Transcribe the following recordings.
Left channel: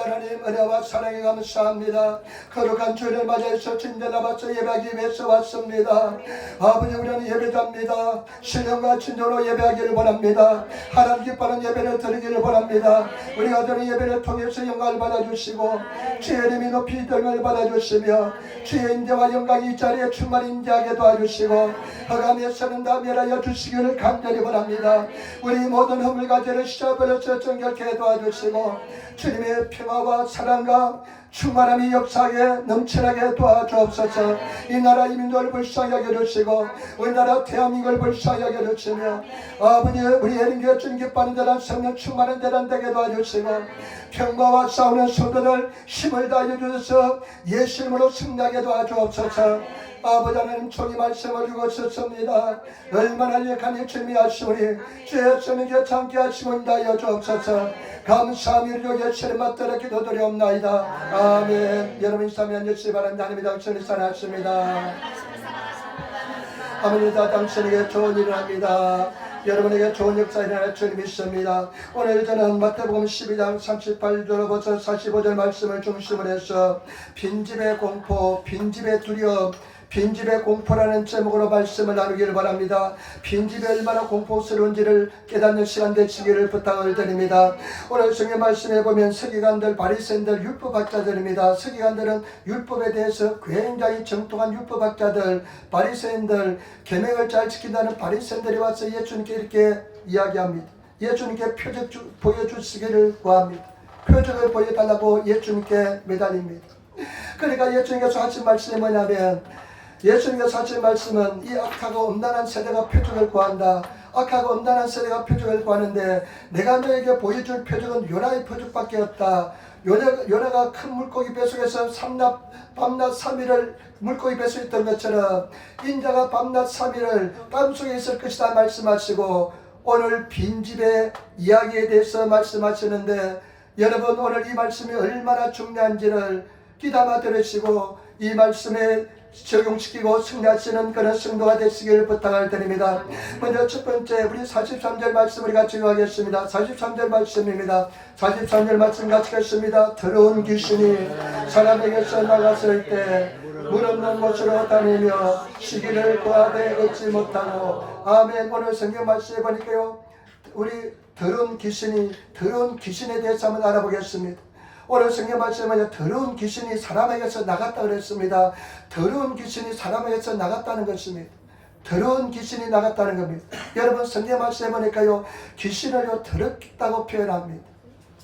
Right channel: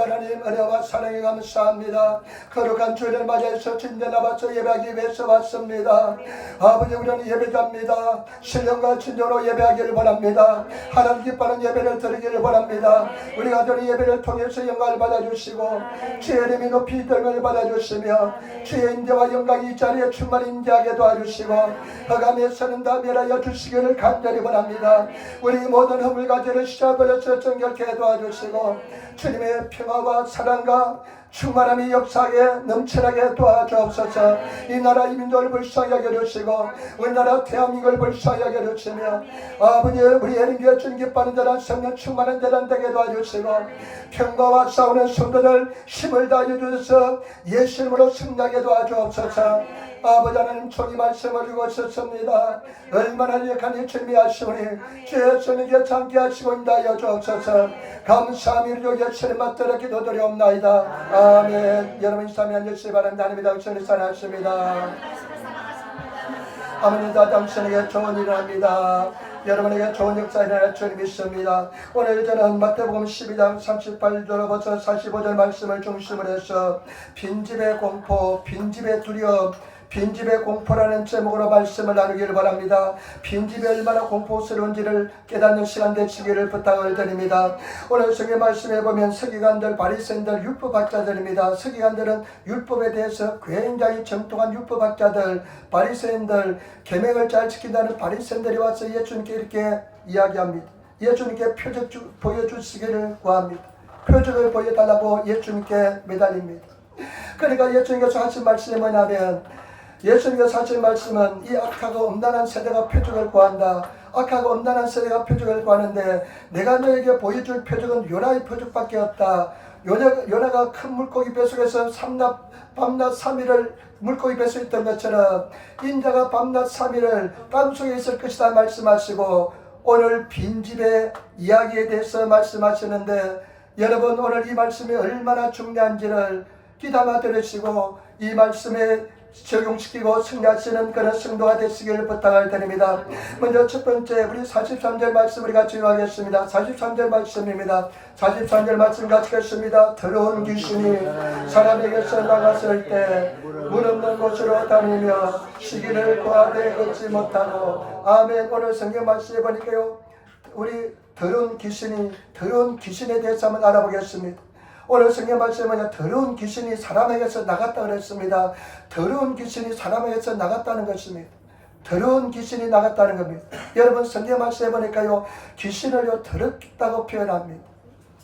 하나님 은혜와 사랑에 감사합니다. 거룩한 주일을 맞이해서 진전 앞서 예배하기 위해서 왔습니다. 아버지, 우리는 예배자입니다. 신령과 진정으로 예배하기를 원합니다. 하나님 기뻐하는 예배를 드리기를 원합니다. 우리가 드린 예배를 통해서 영광을 받아주시고 주의 이름이 높이 들음을 받아주시며 주의 인재와 영광이 이 자리에 충만히 인재하게 도와주시고 허감에서는 다 멸하여 주시기를 간절히 원합니다. 우리 모든 허물과 죄를 씻어버려서 정결케 도와주시고 주님의 평화와 사랑과 충만함이 역사에 넘쳐나게 도와주옵소서. 이 나라 이 민족을 불쌍히 하게 해주시고 우리나라 대한민국을 불쌍히 하게 해주시며 아버지, 우리 예린교회 주님 기뻐하는 자란 성령 충만한 자란 되게 도와주시고 평화와 싸우는 성도들 힘을 다해 주셔서 예수님으로 승리하게 도와주옵소서. 아버지 하나님, 종이 말씀을 주고 있었습니다. 얼마나 약한 주님이 하시오니 주의 성령께 참게 하시고 인도하여 주옵소서. 감사함이 예수님 맞들어 기도드리옵나이다. 아멘. 여러분 인사하며 앉으시기 바랍니다. 하나님이 당신을 사랑하십니다. 아멘. 당신에게 좋은 일을 합니다. 여러분에게 좋은 역사 일어날 줄 믿습니다. 오늘 저는 마태복음 12장 38절부터 45절 말씀을 중심으로 해서 빈집의 공포, 빈집의 두려움, 빈집의 공포라는 제목으로 말씀을 나누기를 바랍니다. 빈집이 얼마나 공포스러운지를 깨닫는 시간 되시기를 부탁을 드립니다. 오늘 성경 말씀에 보면 서기관들, 바리새인들, 율법학자들입니다. 서기관들은 율법에 대해서 굉장히 정통한 율법학자들, 바리새인들, 계명을 잘 지킨다는 바리새인들이 와서 예수님께 이렇게 이야기합니다. 예수님께 표적 보여주시기를 구합니다. 표적을 보여달라고 예수님께 매달립니다. 그러니까 예수님께서 하신 말씀이 뭐냐면, 예수님께서 하신 말씀은 이 악하고 음란한 세대가 표적을 구한다. 악하고 음란한 세대가 표적을 구하는데 내가 너에게 보여줄 표적은 요나의 표적밖에 없다. 요나가 큰 물고기 뱃속에서 밤낮 3일을 물고기 뱃속에 있던 것처럼 인자가 밤낮 3일을 땅속에 있을 것이다 말씀하시고 오늘 빈집의 이야기에 대해서 말씀하시는데, 여러분 오늘 이 말씀이 얼마나 중요한지를 귀담아 들으시고 이 말씀에 적용시키고 승리하시는 그런 성도가 되시길 부탁을 드립니다. 먼저 첫 번째, 우리 43절 말씀 우리 같이 읽겠습니다. 43절 말씀입니다. 43절 말씀 같이 읽겠습니다. 더러운 귀신이 사람에게서 나갔을 때 물 없는 곳으로 다니며 시기를 구하되 얻지 못하고. 아멘. 오늘 성경 말씀에 보니까요, 우리 더러운 귀신에 대해서 한번 알아보겠습니다. 오늘 성경 말씀은 더러운 귀신이 사람에게서 나갔다 그랬습니다. 더러운 귀신이 사람에게서 나갔다는 것입니다. 더러운 귀신이 나갔다는 겁니다. 여러분 성경 말씀에 보니까요, 귀신을요 더럽다고 표현합니다.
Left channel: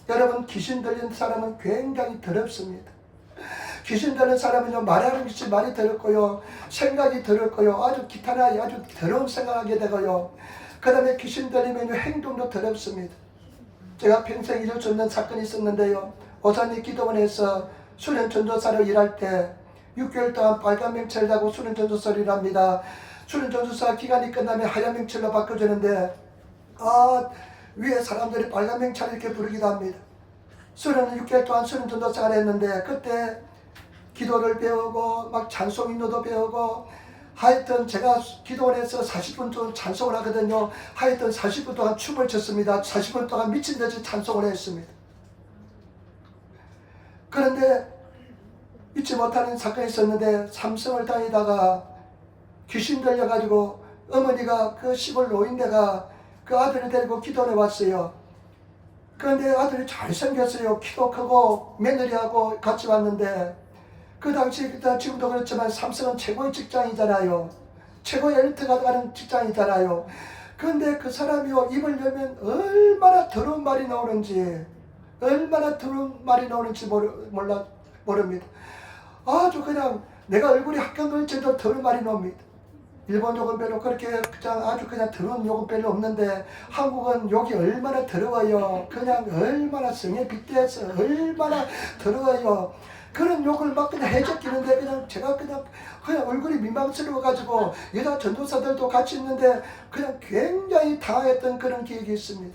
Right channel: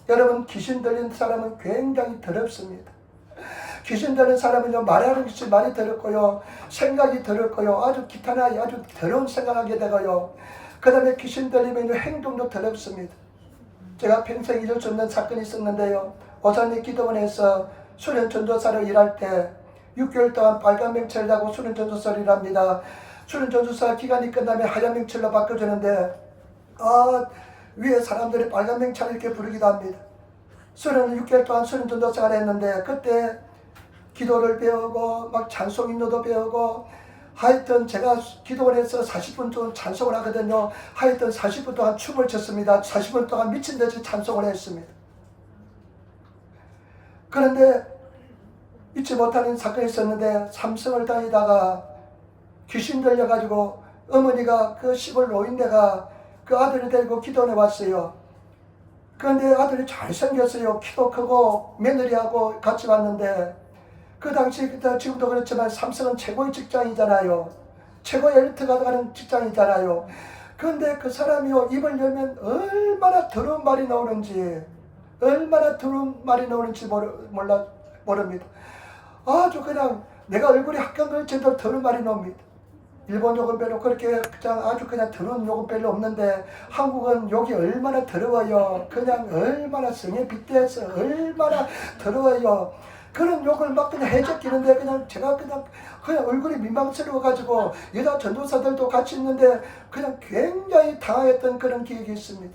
여러분 귀신 들린 사람은 굉장히 더럽습니다. 귀신 들린 사람은요, 말하는 것이 말이 더럽고요, 생각이 더럽고요, 아주 기타나 아주 더러운 생각하게 되고요, 그 다음에 귀신 들리면 행동도 더럽습니다. 제가 평생 잊을 수 없는 사건이 있었는데요, 오산리 기도원에서 수련 전도사로 일할 때 6개월 동안 빨간 명찰을 하고 수련 전도사를 일합니다. 수련 전도사 기간이 끝나면 하얀 명찰로 바꿔주는데 위에 사람들이 빨간 명찰을 이렇게 부르기도 합니다. 수련은 6개월 동안 수련 전도사를 했는데 그때 기도를 배우고 막 찬송 인도도 배우고 하여튼 제가 기도원에서 40분 동안 찬송을 하거든요. 하여튼 40분 동안 춤을 췄습니다. 40분 동안 미친듯이 찬송을 했습니다. 그런데 잊지 못하는 사건이 있었는데, 삼성을 다니다가 귀신 들려가지고 어머니가 그 시골 노인네가 그 아들을 데리고 기도원에 왔어요. 그런데 아들이 잘생겼어요. 키도 크고 며느리하고 같이 왔는데, 그 당시 지금도 그렇지만 삼성은 최고의 직장이잖아요. 최고의 엘리트가 가는 직장이잖아요. 그런데 그 사람이요, 입을 열면 얼마나 더러운 말이 나오는지 모릅니다. 아주 그냥 내가 얼굴이 합격될 정도로 더러운 말이 나옵니다. 일본 욕은 별로 그렇게 아주 그냥 더러운 욕은 별로 없는데, 한국은 욕이 얼마나 더러워요. 그냥 얼마나 성에 빗대서 얼마나 더러워요. 그런 욕을 막 그냥 해적기는데 제가 그냥 얼굴이 민망스러워가지고 여자 전도사들도 같이 있는데 그냥 굉장히 당황했던 그런 기억이 있습니다.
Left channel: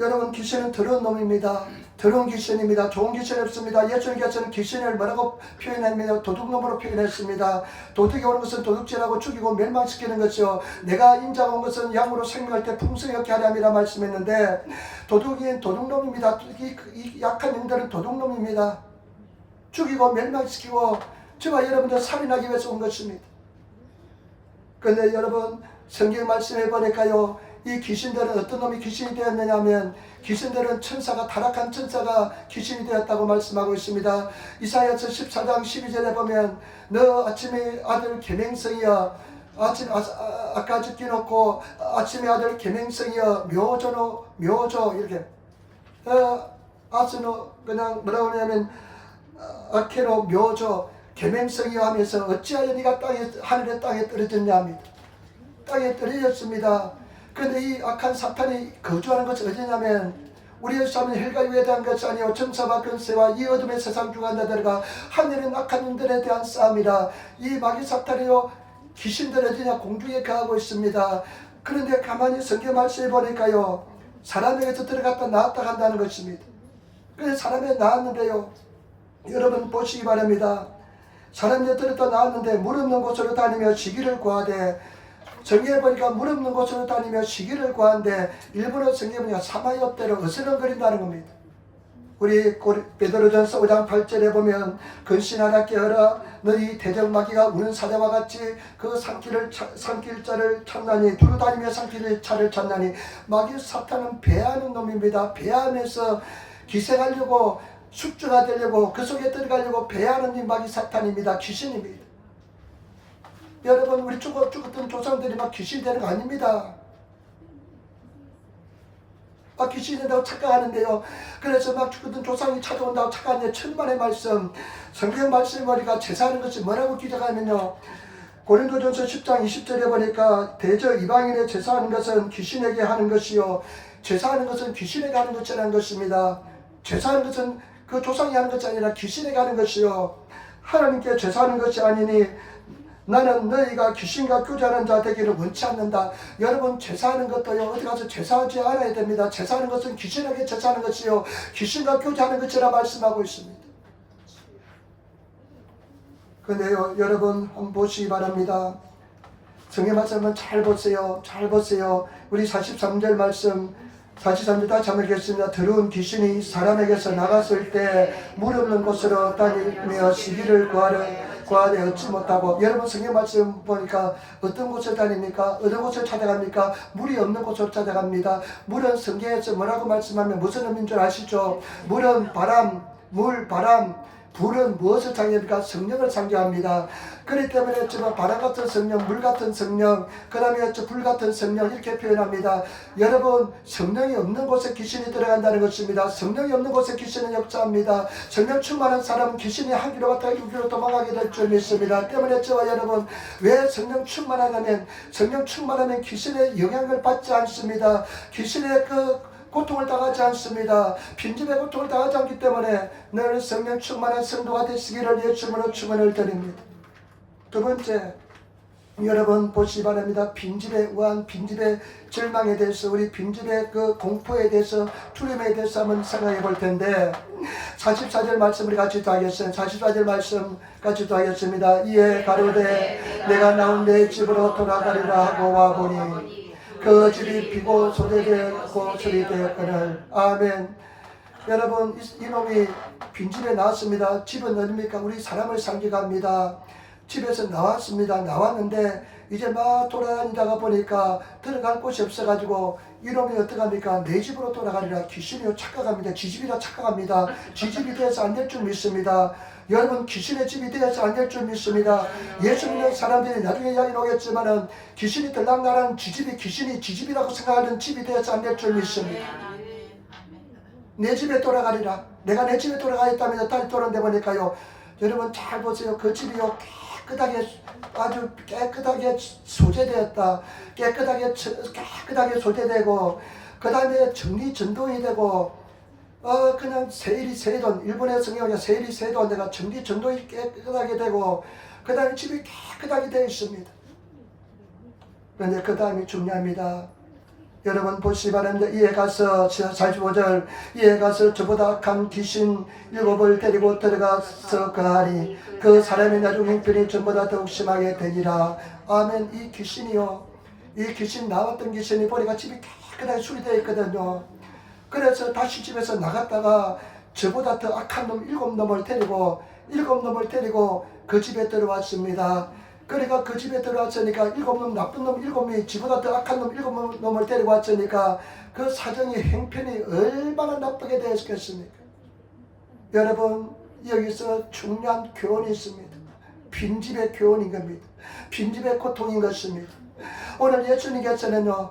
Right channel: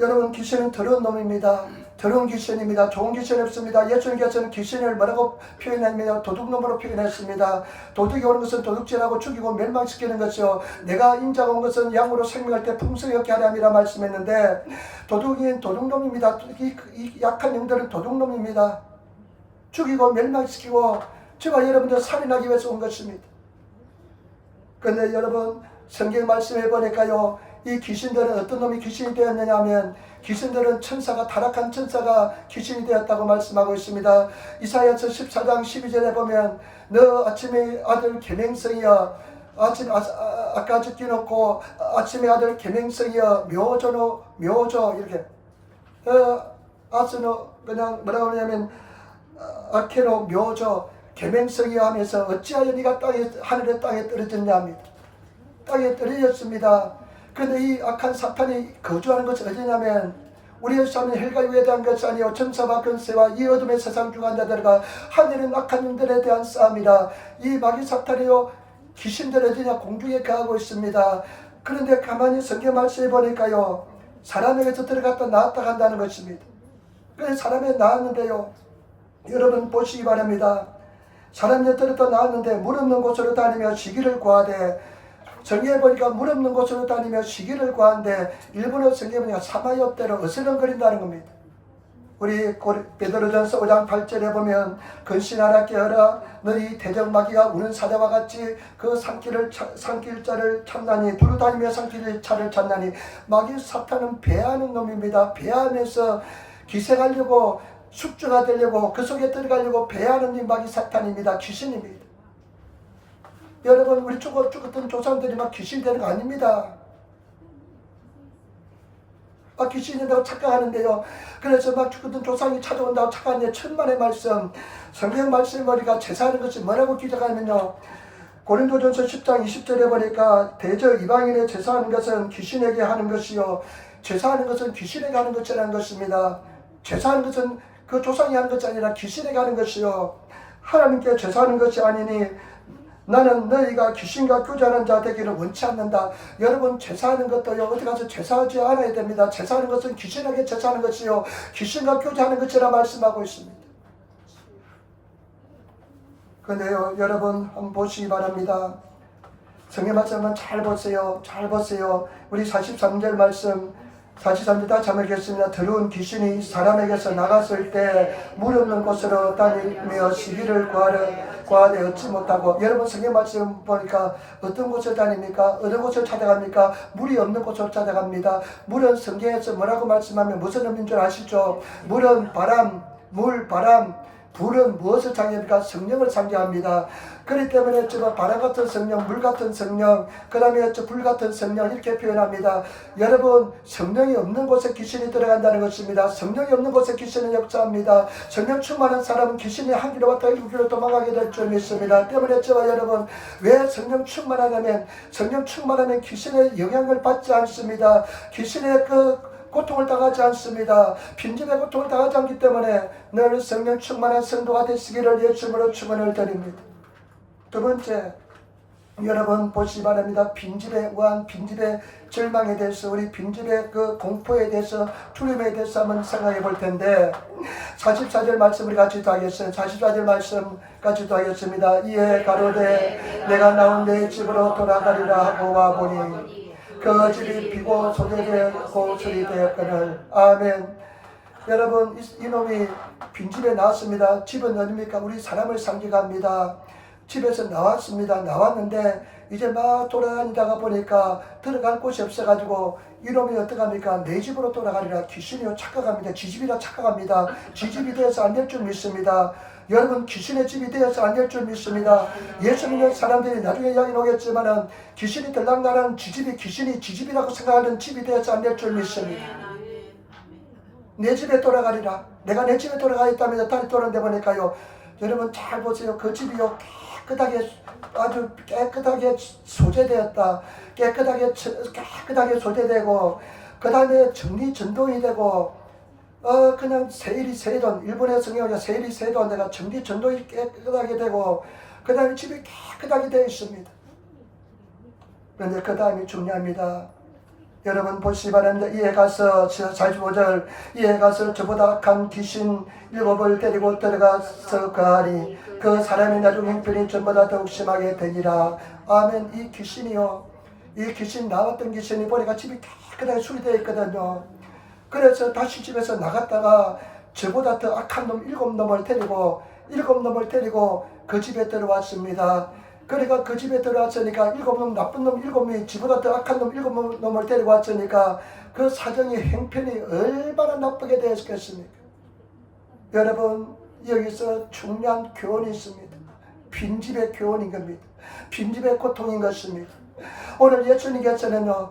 여러분 귀신은 더러운 놈입니다. 더러운 귀신입니다. 좋은 귀신이 없습니다. 예수님께서는 귀신을 뭐라고 표현했느냐? 도둑놈으로 표현했습니다. 도둑이 오는 것은 도둑질하고 죽이고 멸망시키는 것이요 내가 인자가 온 것은 양으로 생명할 때 풍성히 얻게 하려 함이라 말씀했는데 도둑이 도둑놈입니다. 이 약한 영들은 도둑놈입니다. 죽이고 멸망시키고 저와 여러분들 살인하기 위해서 온 것입니다. 그런데 여러분 성경 말씀해 보니까요 이 귀신들은 어떤 놈이 귀신이 되었느냐 하면 귀신들은 천사가 타락한 천사가 귀신이 되었다고 말씀하고 있습니다. 이사야서 14장 12절에 보면 너 아침의 아들 계명성이여 아까 적혀놓고 아침의 아들 계명성이여 묘조 이렇게 아스노 그냥 뭐라고 하냐면 아케노 묘조 계명성이여 하면서 어찌하여 네가 하늘의 땅에 떨어졌냐 합니다. 땅에 떨어졌습니다. 그런데 이 악한 사탄이 거주하는 것이 어디냐면 우리의 삶은 헬과 위에 대한 것이 아니요 천사와 권세와 이 어둠의 세상 주관 자들과 하늘의 악한 영들에 대한 싸움이라. 이 마귀 사탄이요 귀신들 어디냐 공중에 거하고 있습니다. 그런데 가만히 성경 말씀해 보니까요 사람에게서 들어갔다 나왔다 간다는 것입니다. 그래서 사람에 나왔는데요 여러분 보시기 바랍니다. 사람에 들었다 나왔는데 물 없는 곳으로 다니며 시기를 구하되 정리해 보니까 물 없는 곳으로 다니며 시기를 구한데 일부러 성경에 보니까 사마이업대로 어슬렁거린다는 겁니다. 우리 베드로전서 5장 8절에 보면 근신하라 깨어라 너희 대적마귀가 우는 사자와 같이 그 산길자를 찾나니 두루 다니며 산길차를 찾나니 마귀 사탄은 배하는 놈입니다. 배하면서 기생하려고 숙주가 되려고 그 속에 들어가려고 배하는 이 마귀 사탄입니다. 귀신입니다. 여러분 우리 죽었던 조상들이 막 귀신이 되는 거 아닙니다. 막 귀신이 된다고 착각하는데요. 그래서 막 죽었던 조상이 찾아온다고 착각하는데 천만의 말씀 성경 말씀 보니까 제사하는 것이 뭐라고 기록하면요 고린도전서 10장 20절에 보니까 대저 이방인의 제사하는 것은 귀신에게 하는 것이요 제사하는 것은 귀신에게 하는 것이라는 것입니다. 제사하는 것은 그 조상이 하는 것이 아니라 귀신에게 하는 것이요 하나님께 제사하는 것이 아니니 나는 너희가 귀신과 교제하는 자 되기를 원치 않는다. 여러분 제사하는 것도요 어디 가서 제사하지 않아야 됩니다. 제사하는 것은 귀신에게 제사하는 것이요 귀신과 교제하는 것이라 말씀하고 있습니다. 그런데요 여러분 한번 보시기 바랍니다. 성경 말씀은 잘 보세요. 잘 보세요. 우리 43절 말씀 43절 다시 한번 읽겠습니다. 더러운 귀신이 사람에게서 나갔을 때 물 없는 곳으로 다니며 시기를 구하되 얻지 못하고 여러분 성경 말씀 보니까 어떤 곳을 다닙니까? 어느 곳을 찾아갑니까? 물이 없는 곳으로 찾아갑니다. 물은 성경에서 뭐라고 말씀하면 무슨 의미인 줄 아시죠? 물은 바람, 물, 바람 불은 무엇을 상징합니까? 성령을 상징합니다. 그렇기 때문에 지금 바람 같은 성령, 물 같은 성령, 그 다음에 불 같은 성령 이렇게 표현합니다. 여러분 성령이 없는 곳에 귀신이 들어간다는 것입니다. 성령이 없는 곳에 귀신은 역사합니다. 성령 충만한 사람은 귀신이 한 길로 갔다 1길로 도망가게 될 줄 믿습니다. 때문에 저와 여러분 왜 성령 충만하냐면 성령 충만하면 귀신의 영향을 받지 않습니다. 귀신의 고통을 당하지 않습니다. 빈집의 고통을 당하지 않기 때문에 늘 성령 충만한 성도가 되시기를 예수님으로 축원을 드립니다. 두 번째 여러분 보시기 바랍니다. 빈집의 우한, 빈집의 절망에 대해서 우리 빈집의 그 공포에 대해서 두려움에 대해서 한번 생각해 볼 텐데 44절 말씀 우리 같이 하겠습니다. 44절 말씀 같이 하겠습니다. 이에 가로되 내가 나온 내 집으로 돌아가리라 하고 와보니 그 집이 비고 소재되고 소리되었거늘. 아멘. 여러분 이놈이 빈집에 나왔습니다. 집은 어딥니까? 우리 사람을 상징합니다. 집에서 나왔습니다. 나왔는데 이제 막 돌아다니다가 보니까 들어갈 곳이 없어가지고 이놈이 어떡합니까? 내 집으로 돌아가리라. 귀신이요 착각합니다. 지집이라 착각합니다. 지집이 되어서 안 될 줄 믿습니다. 여러분 귀신의 집이 되어서 안 될 줄 믿습니다. 예수 믿는 사람들이 나중에 이야기 오겠지만은 귀신이 들락나는 지집이 귀신이 지집이라고 생각하는 집이 되어서 안 될 줄 믿습니다. 내 집에 돌아가리라. 내가 내 집에 돌아가 있다면서 다리 떠는데 보니까요. 여러분 잘 보세요. 그 집이요 깨끗하게 아주 깨끗하게 소재되었다. 깨끗하게 소재되고 그 다음에 정리전동이 되고 그냥 세일이 세돈, 일본의 성경에 세일이 세돈, 내가 정리전동이 깨끗하게 되고 그 다음에 집이 깨끗하게 되어 있습니다. 그런데 그 다음이 중요합니다. 여러분 보시기 바랍니다. 이에 가서 45절 이에 가서 저보다 악한 귀신 7을 데리고 들어가서 거하니 그 사람의 나중 형편이 전보다 더욱 심하게 되니라. 아멘. 이 귀신이요, 이 귀신 나왔던 귀신이 보니까 집이 깨끗하게 수리되어 있거든요. 그래서 다시 집에서 나갔다가 저보다 더 악한 놈 7놈을 데리고 그 집에 들어왔습니다. 그러니까 그 집에 들어왔으니까 7놈, 나쁜 놈 7놈이 지보다 더 악한 놈 7놈을 데리고 왔으니까 그 사정이 형편이 얼마나 나쁘게 되었겠습니까? 여러분, 여기서 중요한 교훈이 있습니다. 빈집의 교훈인 겁니다. 빈집의 고통인 것입니다. 오늘 예수님께서는요,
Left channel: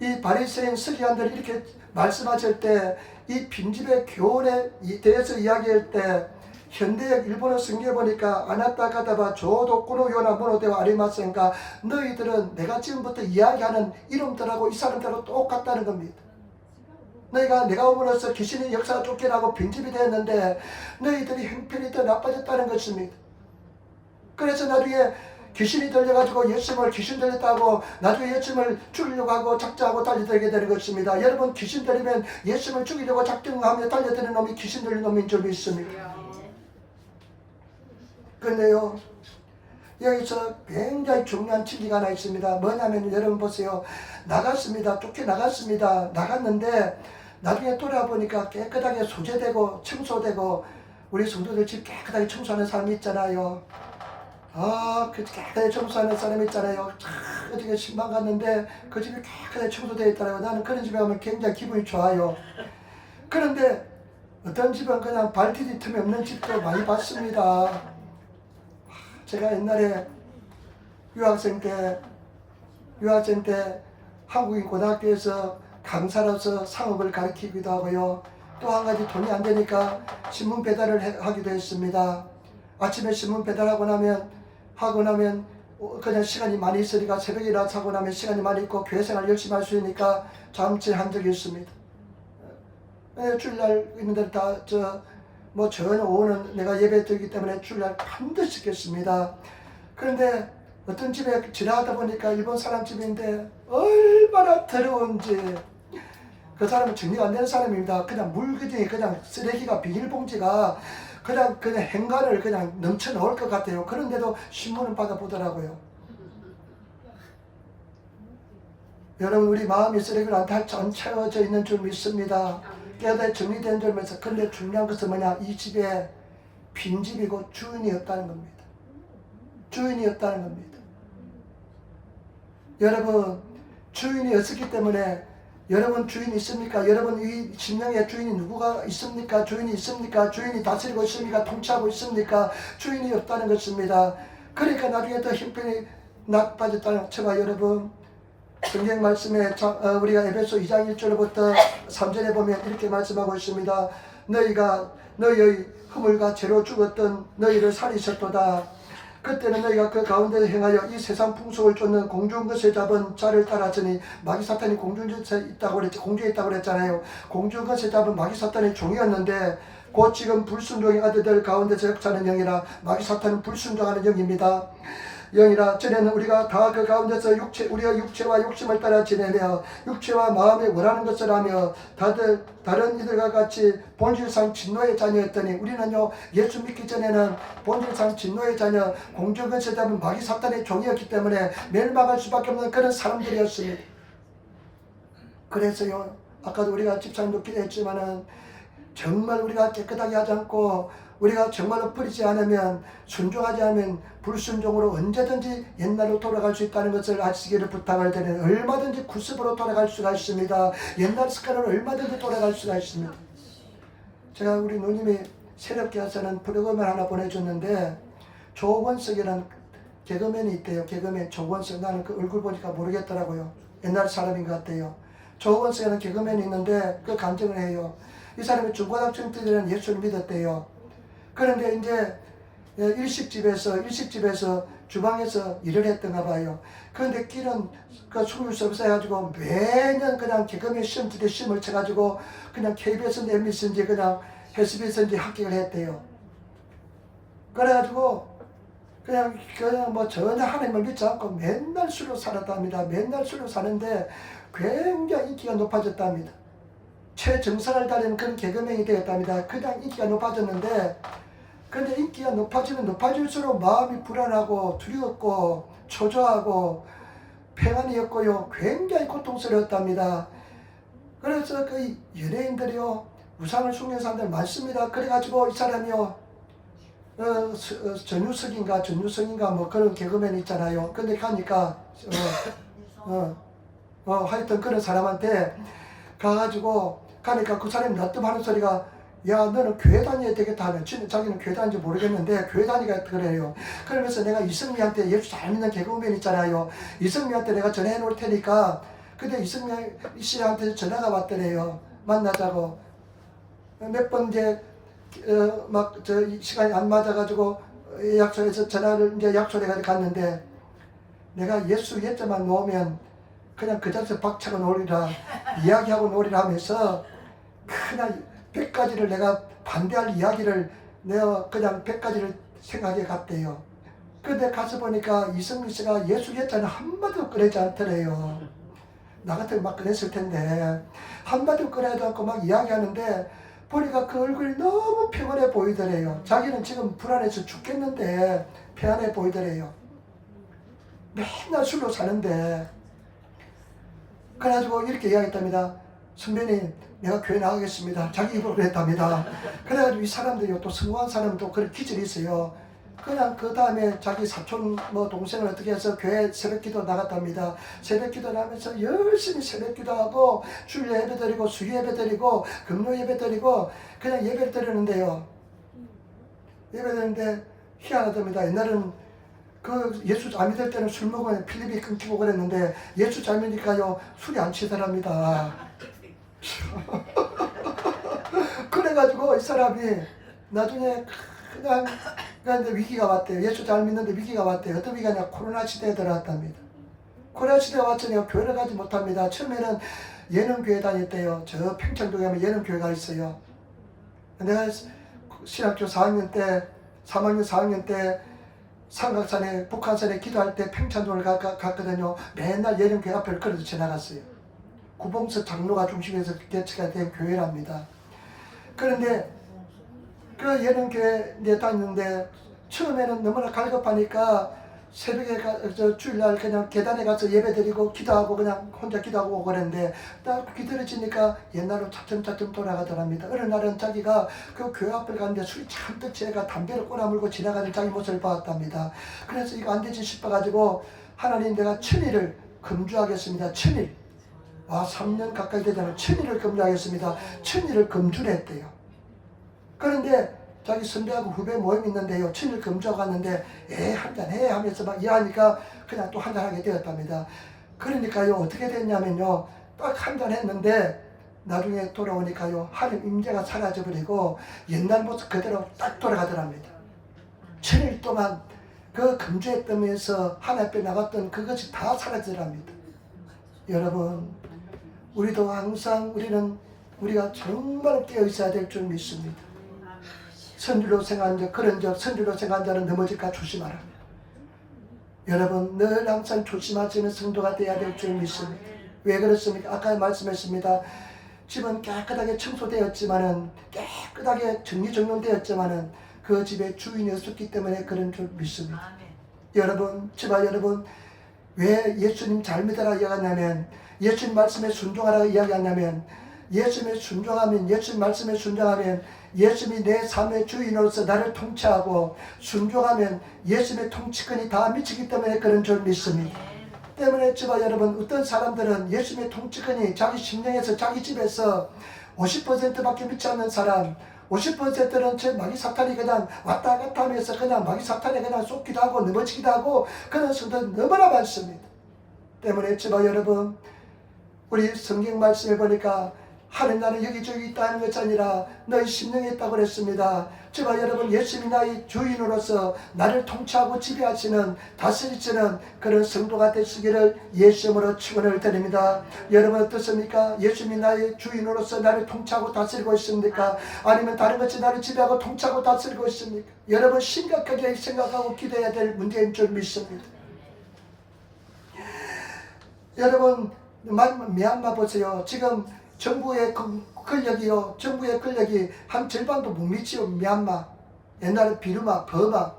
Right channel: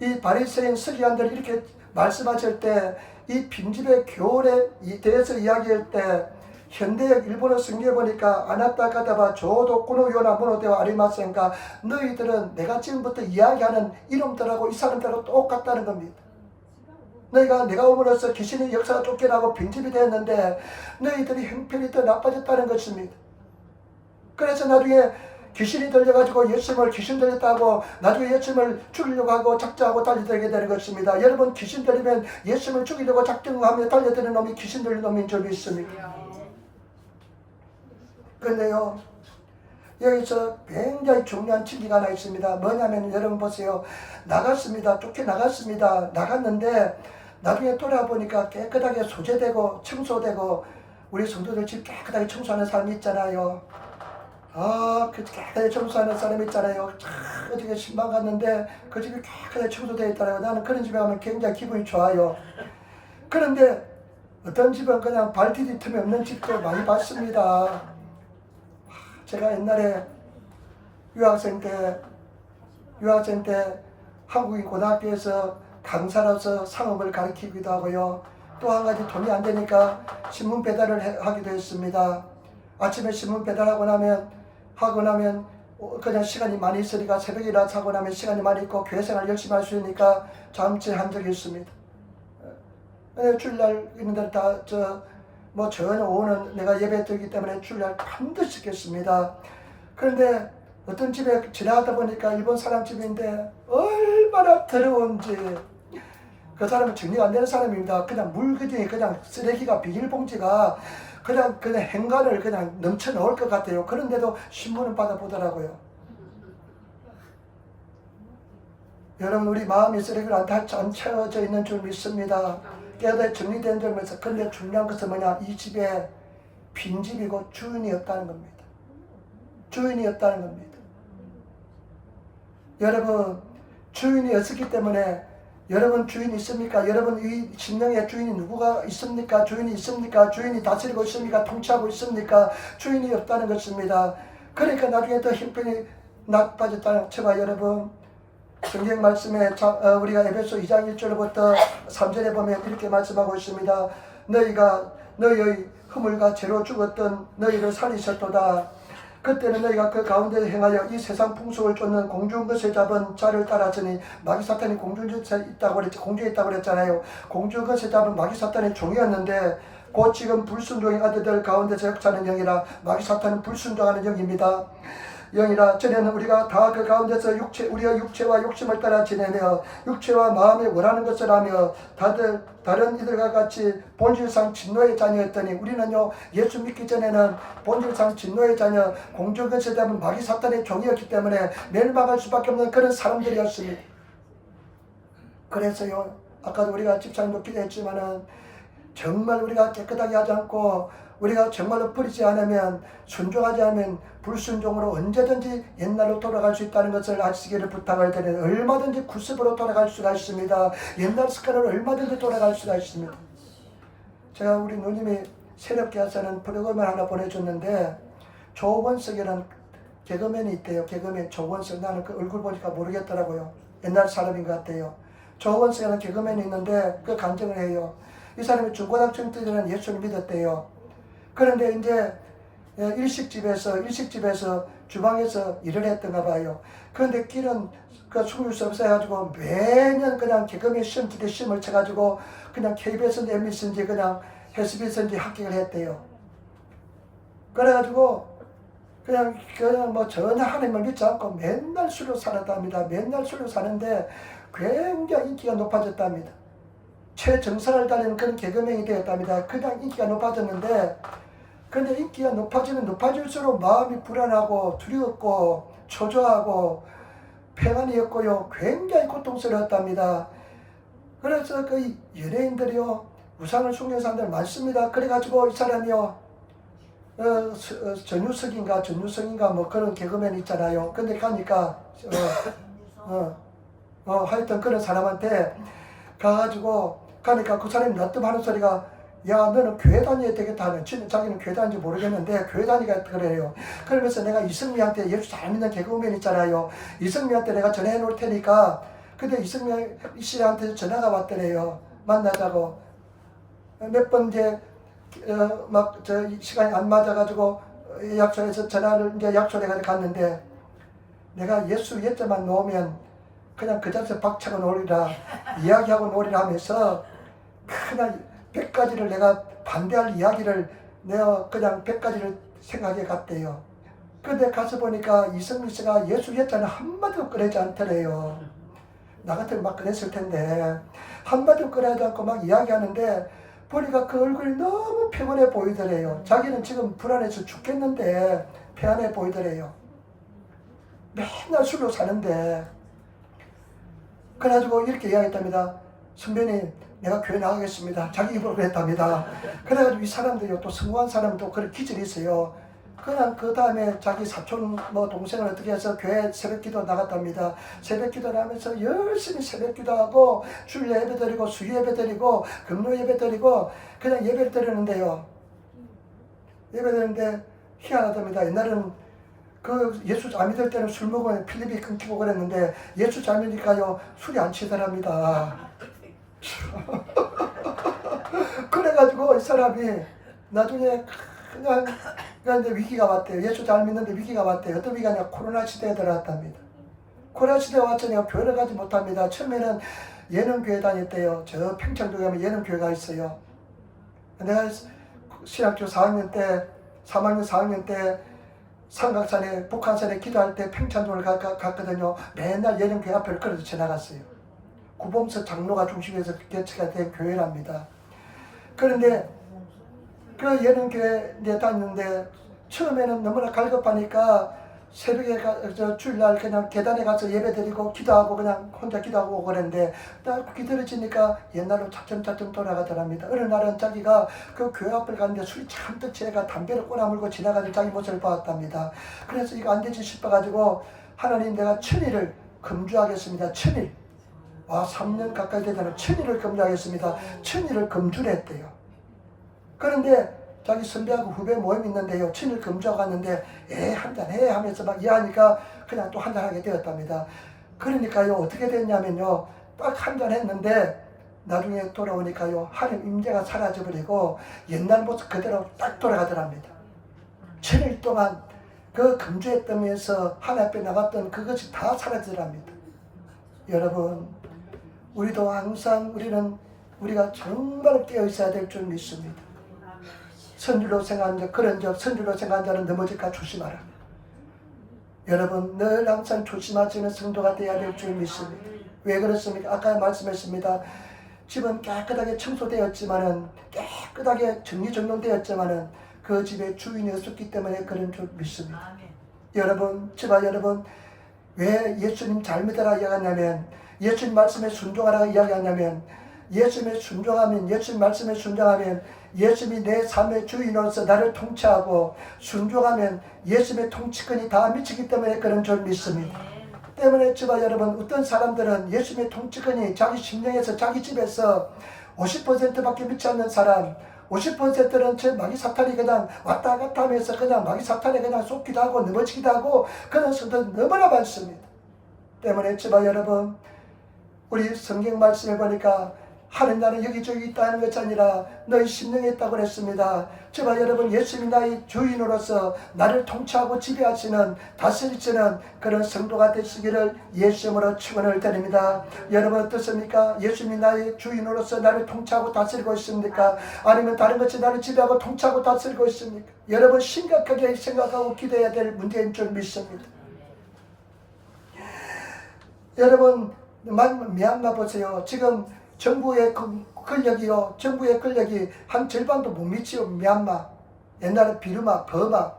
이 바리새인 서기관들이 이렇게 말씀하실 때 이 빈집의 교훈에 대해서 이야기할 때 현대역 일본어 성경에 보니까 아나타 가다바 조도 꾸노요나 모노데와 아리마센가 너희들은 내가 지금부터 이야기하는 이놈들하고 이 사람들하고 똑같다는 겁니다. 내가 오므로써 귀신의 역사가 쫓겨나고 빈집이 되었는데 너희들이 형편이 더 나빠졌다는 것입니다. 그래서 나중에 귀신이 들려가지고 예수님을 귀신 들렸다고 나중에 예수님을 죽이려고 하고 작정하고 달려들게 되는 것입니다. 여러분, 귀신 들리면 예수님을 죽이려고 작정하며 달려드는 놈이 귀신 들린 놈인 줄 믿습니다. 그런데요, 여기서 굉장히 중요한 진리가 하나 있습니다. 뭐냐면 여러분 보세요. 나갔습니다. 쫓겨나갔습니다. 나갔는데 나중에 돌아보니까 깨끗하게 소재되고 청소되고 우리 성도들 집 깨끗하게 청소하는 사람이 있잖아요. 그 깨끗하게 청소하는 사람 있잖아요. 어떻게 신방 갔는데 그 집이 깨끗하게 청소되어 있더라고요. 나는 그런 집에 가면 굉장히 기분이 좋아요. 그런데 어떤 집은 그냥 발 디딜 틈이 없는 집도 많이 봤습니다. 제가 옛날에 유학생 때 한국인 고등학교에서 강사로서 상업을 가르치기도 하고요. 또 한 가지 돈이 안 되니까 신문 배달을 하기도 했습니다. 아침에 신문 배달하고 나면 그냥 시간이 많이 있으니까 새벽에 일어나서 하고 나면 시간이 많이 있고 교회 생활 열심히 할 수 있으니까 잠실한 적이 있습니다. 주일날 있는데 저는 오후는 내가 예배 드리기 때문에 주일날 반드시 겠습니다. 그런데 어떤 집에 지나가다 보니까 일본 사람 집인데 얼마나 더러운지, 그 사람은 정리가 안 되는 사람입니다. 그냥 물기둥이 그냥 쓰레기가 비닐봉지가 그냥 행간을 그냥 넘쳐 나올 것 같아요. 그런데도 신문을 받아보더라고요. 여러분, 우리 마음이 쓰레기로 안 채워져 있는 줄 믿습니다. 깨닫 정리된 줄 믿습니다. 근데 중요한 것은 뭐냐? 이 집에 빈집이고 주인이 없다는 겁니다. 주인이 없다는 겁니다. 여러분, 주인이 없었기 때문에 여러분 주인이 있습니까? 여러분 이 심령의 주인이 누구가 있습니까? 주인이 있습니까? 주인이 다스리고 있습니까? 통치하고 있습니까? 주인이 없다는 것입니다. 그러니까 나중에 더 형편이 나빠졌다는 저와 여러분, 성경 말씀에 우리가 에베소 2장 1절부터 3절에 보면 이렇게 말씀하고 있습니다. 너희가 너희의 허물과 죄로 죽었던 너희를 살리셨도다. 그때는 너희가 그 가운데 행하여 이 세상 풍속을 쫓는 공중 것에 잡은 자를 따랐으니 마귀 사탄이 공중에 있다고 그랬잖아요. 공중 것에 잡은 마귀 사탄의 종이었는데 곧 지금 불순종의 아들들 가운데서 역사하는 영이라. 마귀 사탄은 불순종하는 영입니다. 영이라. 전에는 우리가 다 그 가운데서 우리의 육체와 욕심을 따라 지내며 육체와 마음에 원하는 것을 하며 다른 이들과 같이 본질상 진노의 자녀였더니 우리는요, 예수 믿기 전에는 본질상 진노의 자녀, 공중에서 잡은 마귀 사탄의 종이었기 때문에 멸망할 수밖에 없는 그런 사람들이었습니다. 그래서요, 아까도 우리가 집사님도 기도했지만은 정말 우리가 깨끗하게 하지 않고 우리가 정말로 버리지 않으면, 순종하지 않으면 불순종으로 언제든지 옛날로 돌아갈 수 있다는 것을 아시기를 부탁을 드리는, 얼마든지 구습으로 돌아갈 수가 있습니다. 옛날 습관으로 얼마든지 돌아갈 수가 있습니다. 제가 우리 누님이 새롭게 와서는 프로그램을 하나 보내줬는데, 조원석이라는 개그맨이 있대요. 개그맨 조원석. 나는 그 얼굴 보니까 모르겠더라고요. 옛날 사람인 것 같아요. 조원석이라는 개그맨이 있는데 그 간증을 해요. 이 사람이 중고등학생 때는 예수를 믿었대요. 그런데 이제 일식집에서 주방에서 일을 했던가 봐요. 그런데 길은 숨을 수 없어가지고 매년 그냥 개그맨 시험 기대 시험을 쳐가지고 그냥 KBS인지 MBC인지 그냥 SBS인지 합격을 했대요. 그래가지고 그냥 뭐 전혀 하나님을 믿지 않고 맨날 술로 살았답니다. 맨날 술로 사는데 굉장히 인기가 높아졌답니다. 최정상을 달리는 그런 개그맨이 되었답니다. 그냥 인기가 높아졌는데, 근데 인기가 높아지면 높아질수록 마음이 불안하고 두렵고 초조하고 평안이 없고요, 굉장히 고통스러웠답니다. 그래서 그 연예인들이요, 우상을 숭배하는 사람들 많습니다. 그래가지고 이 사람이요, 전유석인가 뭐 그런 개그맨 있잖아요. 근데 가니까 하여튼 그런 사람한테 가가지고 가니까 그 사람이 납득하는 소리가, 야, 너는 교회 다녀야 되겠다 하면, 자기는 교회 다니는지 모르겠는데 교회 다니가 그래요. 그러면서 내가 이승미한테, 예수 잘 믿는 개그맨 있잖아요, 이승미한테 내가 전화해 놓을 테니까. 근데 이승미 씨한테 전화가 왔더래요. 만나자고. 몇 번 이제 막 저 시간이 안 맞아가지고 약속해서 전화를 이제 약속해가지고 갔는데, 내가 예수 예자만 놓으면 그냥 그 자리에서 박차고 놀리라, 이야기하고 놀리라 하면서 그냥 100가지를 내가 반대할 이야기를 내가 그냥 100가지를 생각해 갔대요. 근데 가서 보니까 이승민 씨가 예수 예자는 한마디도 꺼내지 않더래요. 나 같으면 막 꺼냈을 텐데 한마디도 꺼내지 않고 막 이야기하는데, 보니까 그 얼굴이 너무 평안해 보이더래요. 자기는 지금 불안해서 죽겠는데 평안해 보이더래요. 맨날 술로 사는데. 그래가지고 이렇게 이야기했답니다. 선배님, 내가 교회 나가겠습니다. 자기 입으로 그랬답니다. 그래가지고 이 사람들이 또 성공한 사람도 그런 기질이 있어요. 그냥 그 다음에 자기 사촌 뭐 동생을 어떻게 해서 교회 새벽기도 나갔답니다. 새벽기도를 하면서 열심히 새벽기도하고 주일 예배 드리고 수요 예배 드리고 금요 예배 드리고 그냥 예배를 드리는데요. 예배 드리는데 희한하답니다. 옛날에는 그 예수 안 믿을 때는 술 먹으면 필립이 끊기고 그랬는데, 예수 잘 믿으니까요 술이 안 취하답니다. 그래가지고 이 사람이 나중에 그냥 이제 위기가 왔대요. 예수 잘 믿는데 위기가 왔대요. 어떤 위기가 코로나 시대에 들어왔답니다. 코로나 시대가 왔자 내가 교회를 가지 못합니다. 처음에는 예능교회 다녔대요. 저 평창도에 가면 예능교회가 있어요. 내가 신학교 4학년 때, 3학년 4학년 때 삼각산에, 북한산에 기도할 때 평창도를 갔거든요. 맨날 예능교회 앞을 걸어서 지나갔어요. 구봉서 장로가 중심에서 개최가 된 교회랍니다. 그런데 그 예능교회에 다녔는데 처음에는 너무나 갈급하니까 새벽에 주일날 그냥 계단에 가서 예배드리고 기도하고 그냥 혼자 기도하고 오고 그랬는데, 딱 기다려지니까 옛날로 차츰차츰 돌아가더랍니다. 어느 날은 자기가 그 교회 앞을 갔는데 술이 잔뜩 취해가 담배를 꼬나물고 지나가는 자기 모습을 보았답니다. 그래서 이거 안 되지 싶어가지고, 하나님, 내가 천일을 금주하겠습니다. 천일. 3년 가까이 되잖아요. 천일을 금주하겠습니다. 천일을 금주를 했대요. 그런데 자기 선배하고 후배 모임이 있는데요, 천일 금주하고 갔는데 한잔해 하면서 막 이해하니까 그냥 또 한잔하게 되었답니다. 그러니까요, 어떻게 됐냐면요, 딱 한잔 했는데 나중에 돌아오니까요, 하나님 임재가 사라져버리고 옛날 모습 그대로 딱 돌아가더랍니다. 천일 동안 그 금주했다면서 하나님 앞에 나갔던 그것이 다 사라지더랍니다. 여러분, 우리도 항상 우리가 정말 깨어 있어야 될 줄 믿습니다. 선줄로 생각한 자, 그런 적, 선줄로 생각한 자는 넘어질까 조심하라. 여러분, 늘 항상 조심하시는 성도가 되어야 될 줄 믿습니다. 왜 그렇습니까? 아까 말씀했습니다. 집은 깨끗하게 청소되었지만은, 깨끗하게 정리정돈되었지만은 그 집에 주인이 없었기 때문에 그런 줄 믿습니다. 여러분, 여러분, 왜 예수님 잘 믿어라 이야기하냐면, 예수님 말씀에 순종하라 이야기하냐면, 예수님에 순종하면, 예수님 말씀에 순종하면 예수님이 내 삶의 주인으로서 나를 통치하고, 순종하면 예수님의 통치권이 다 미치기 때문에 그런 줄 믿습니다. 때문에 저와 여러분, 어떤 사람들은 예수님의 통치권이 자기 심령에서, 자기 집에서 50%밖에 미치 않는 사람, 50%는 제 마귀 사탄이 그냥 왔다 갔다 하면서 그냥 마귀 사탄에 그냥 쏟기도 하고 넘어지기도 하고 그런 성도들 너무나 많습니다. 때문에 저와 여러분, 우리 성경 말씀에 보니까 하나님 나는 여기저기 있다는 것이 아니라 너희 심령에 있다고 그랬습니다. 저와 여러분, 예수님이 나의 주인으로서 나를 통치하고 지배하시는, 다스리시는 그런 성도가 되시기를 예수님으로 축원을 드립니다. 여러분 어떻습니까? 예수님이 나의 주인으로서 나를 통치하고 다스리고 있습니까? 아니면 다른 것이 나를 지배하고 통치하고 다스리고 있습니까? 여러분 심각하게 생각하고 기도해야 될 문제인 줄 믿습니다. 여러분, 미얀마 보세요. 지금 정부의 권력이요. 정부의 권력이 한 절반도 못 미치요. 미얀마. 옛날에 비르마, 버마.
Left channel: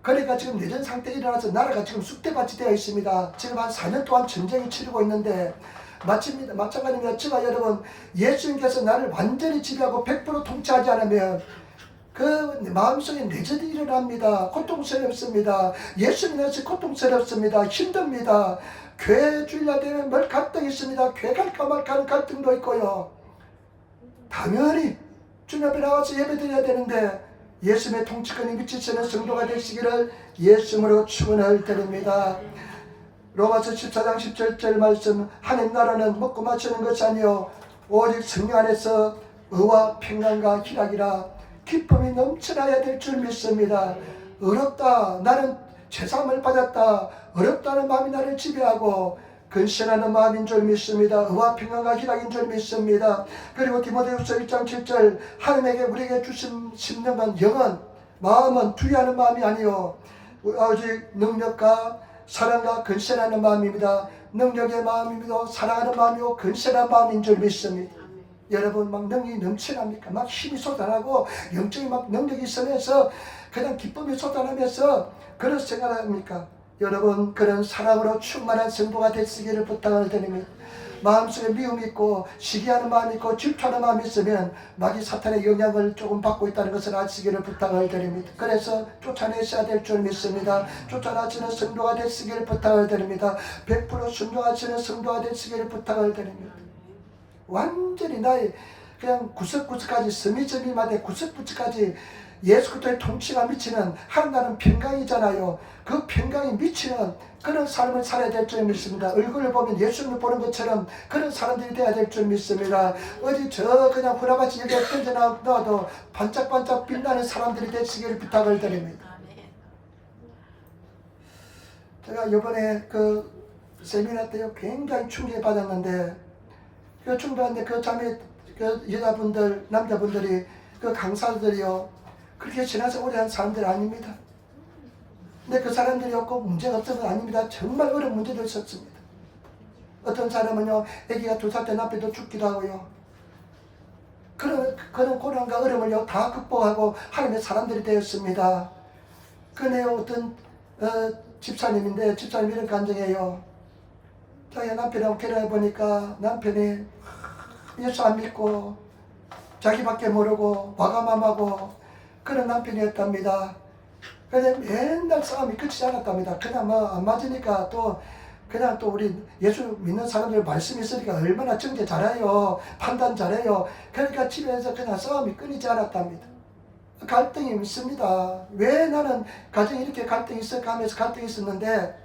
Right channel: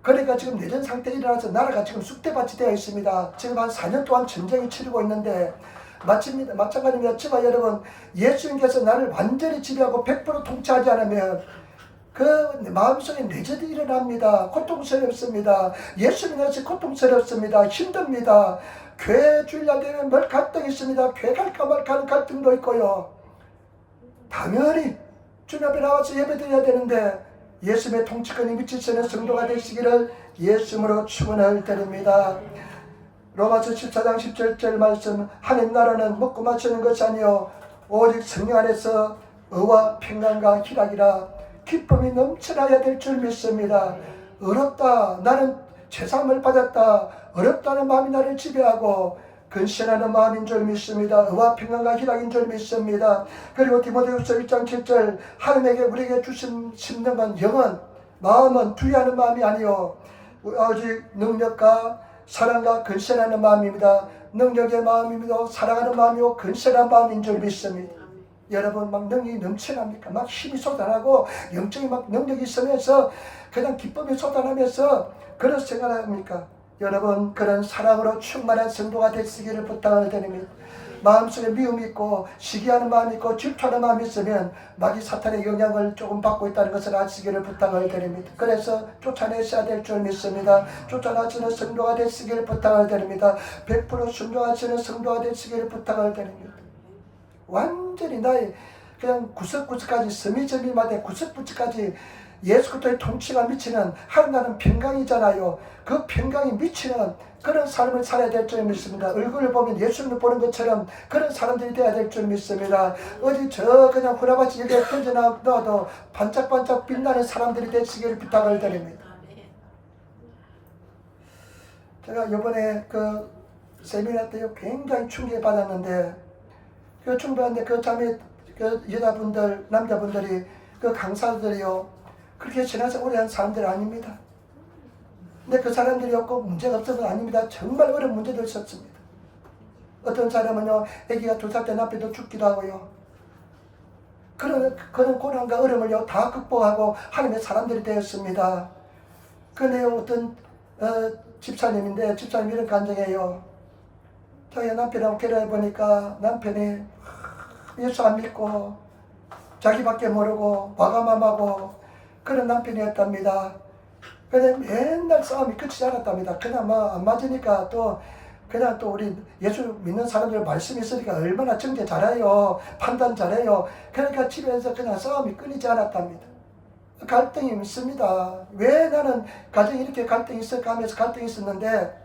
그러니까 지금 내전 상태에 일어나서 나라가 지금 쑥대밭이 되어 있습니다. 지금 한 4년 동안 전쟁이 치르고 있는데 마찬가지입니다. 지만 여러분, 예수님께서 나를 완전히 지배하고 100% 통치하지 않으면 그 마음속에 내전이 일어납니다. 고통스럽습니다. 예수님께서 고통스럽습니다. 힘듭니다. 교회 주일날 되면 뭘 갈등이 있습니다. 교회 갈까 말까 하는 갈등도 있고요. 당연히 주님 앞에 나와서 예배드려야 되는데 예수님의 통치권이 미치시는 성도가 되시기를 예수님으로 축원을 드립니다. 로마서 14장 17절 말씀, 하나님 나라는 먹고 마시는 것이 아니요 오직 성령 안에서 의와 평안과 희락이라 기쁨이 넘쳐나야 될 줄 믿습니다. 어렵다, 나는 죄사함을 받았다, 어렵다는 마음이 나를 지배하고 근신하는 마음인 줄 믿습니다. 의와 평안과 희락인 줄 믿습니다. 그리고 디모데후서 1장 7절, 하나님에게 우리에게 주신 심령은 영은 마음은 두려워하는 마음이 아니요 오직 능력과 사랑과 근신하는 마음입니다. 능력의 마음이며 사랑하는 마음이요 근신한 마음인 줄 믿습니다. 여러분 막 능력이 넘쳐납니까? 막 힘이 쏟아나고 영적인 막 능력이 있으면서 그냥 기쁨이 쏟아나면서 그런 생각합니까? 여러분 그런 사랑으로 충만한 성도가 되시기를 부탁을 드립니다. 마음속에 미움이 있고 시기하는 마음이 있고 질투하는 마음이 있으면 마귀 사탄의 영향을 조금 받고 있다는 것을 아시기를 부탁을 드립니다. 그래서 쫓아내셔야 될 줄 믿습니다. 쫓아나시는 성도가 되시기를 부탁을 드립니다. 100% 순종하시는 성도가 되시기를 부탁을 드립니다. 완전히 나의 그냥 구석구석까지 서미저미마다 구석구석까지 예수 그리스도의 통치가 미치는 하나님 평강이잖아요. 그 평강이 미치는 그런 삶을 살아야 될 줄 믿습니다. 얼굴을 보면 예수님을 보는 것처럼 그런 사람들이 되어야 될 줄 믿습니다. 어디 저 그냥 후라바치 여기에 던져놔도 반짝반짝 빛나는 사람들이 되시기를 부탁을 드립니다. 제가 이번에 그 세미나 때 굉장히 충격을 받았는데 그 충분한데 그 자매 그 여자분들 남자분들이 그 강사들이요 그렇게 지나서 오래 한 사람들 아닙니다. 근데 그 사람들이 없고 문제가 없어서 아닙니다. 정말 어려운 문제도 있었습니다. 어떤 사람은요 아기가 2살 때 남편도 죽기도 하고요 그런 고난과 어려움을요 다 극복하고 하나님의 사람들이 되었습니다. 그 내용 어떤 집사님인데 집사님 이런 간증이에요. 자기 남편하고 결혼해 보니까 남편이 예수 안 믿고 자기밖에 모르고 와가맘하고 그런 남편이었답니다. 근데 맨날 싸움이 끝이지 않았답니다. 그냥 뭐 안 맞으니까 또 그냥 또 우리 예수 믿는 사람들 말씀이 있으니까 얼마나 정죄 잘해요. 판단 잘해요. 그러니까 집에서 그냥 싸움이 끊이지 않았답니다. 갈등이 있습니다. 왜 나는 가정에 이렇게 갈등이 있을까 하면서 갈등이 있었는데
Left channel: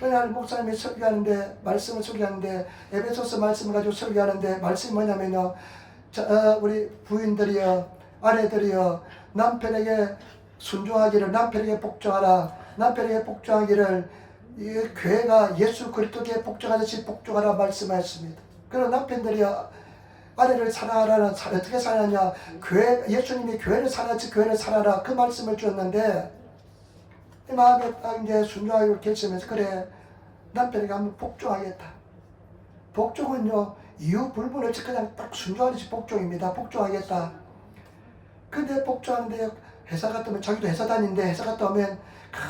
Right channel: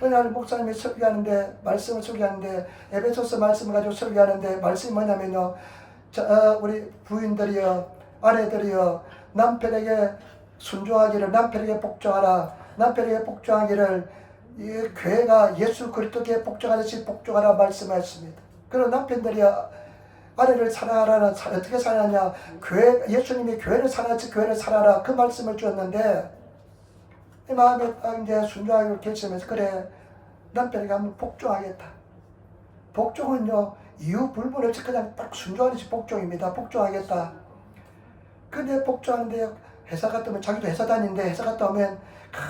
그날 목사님이 설교하는데 말씀을 설교하는데 에베소서 말씀을 가지고 설교하는데 말씀이 뭐냐면요 우리 부인들이요 아내들이요 남편에게 순종하기를 남편에게 복종하라 남편에게 복종하기를 이 교회가 예수 그리스도께 복종하듯이 복종하라 말씀하셨습니다. 그리고 남편들이 아내를 사랑하라는 어떻게 사랑하냐 교회 예수님이 교회를 사랑하지 교회를 사랑하라 그 말씀을 주었는데 이 마음에 딱 이제 순종하기로 결심해서 그래 남편에게 한번 복종하겠다. 복종은요 이유 불문 없이 그냥 딱 순종하듯이 복종입니다. 복종하겠다. 근데 복종하는데 회사 갔다 오면 자기도 회사 다니는데 회사 갔다 오면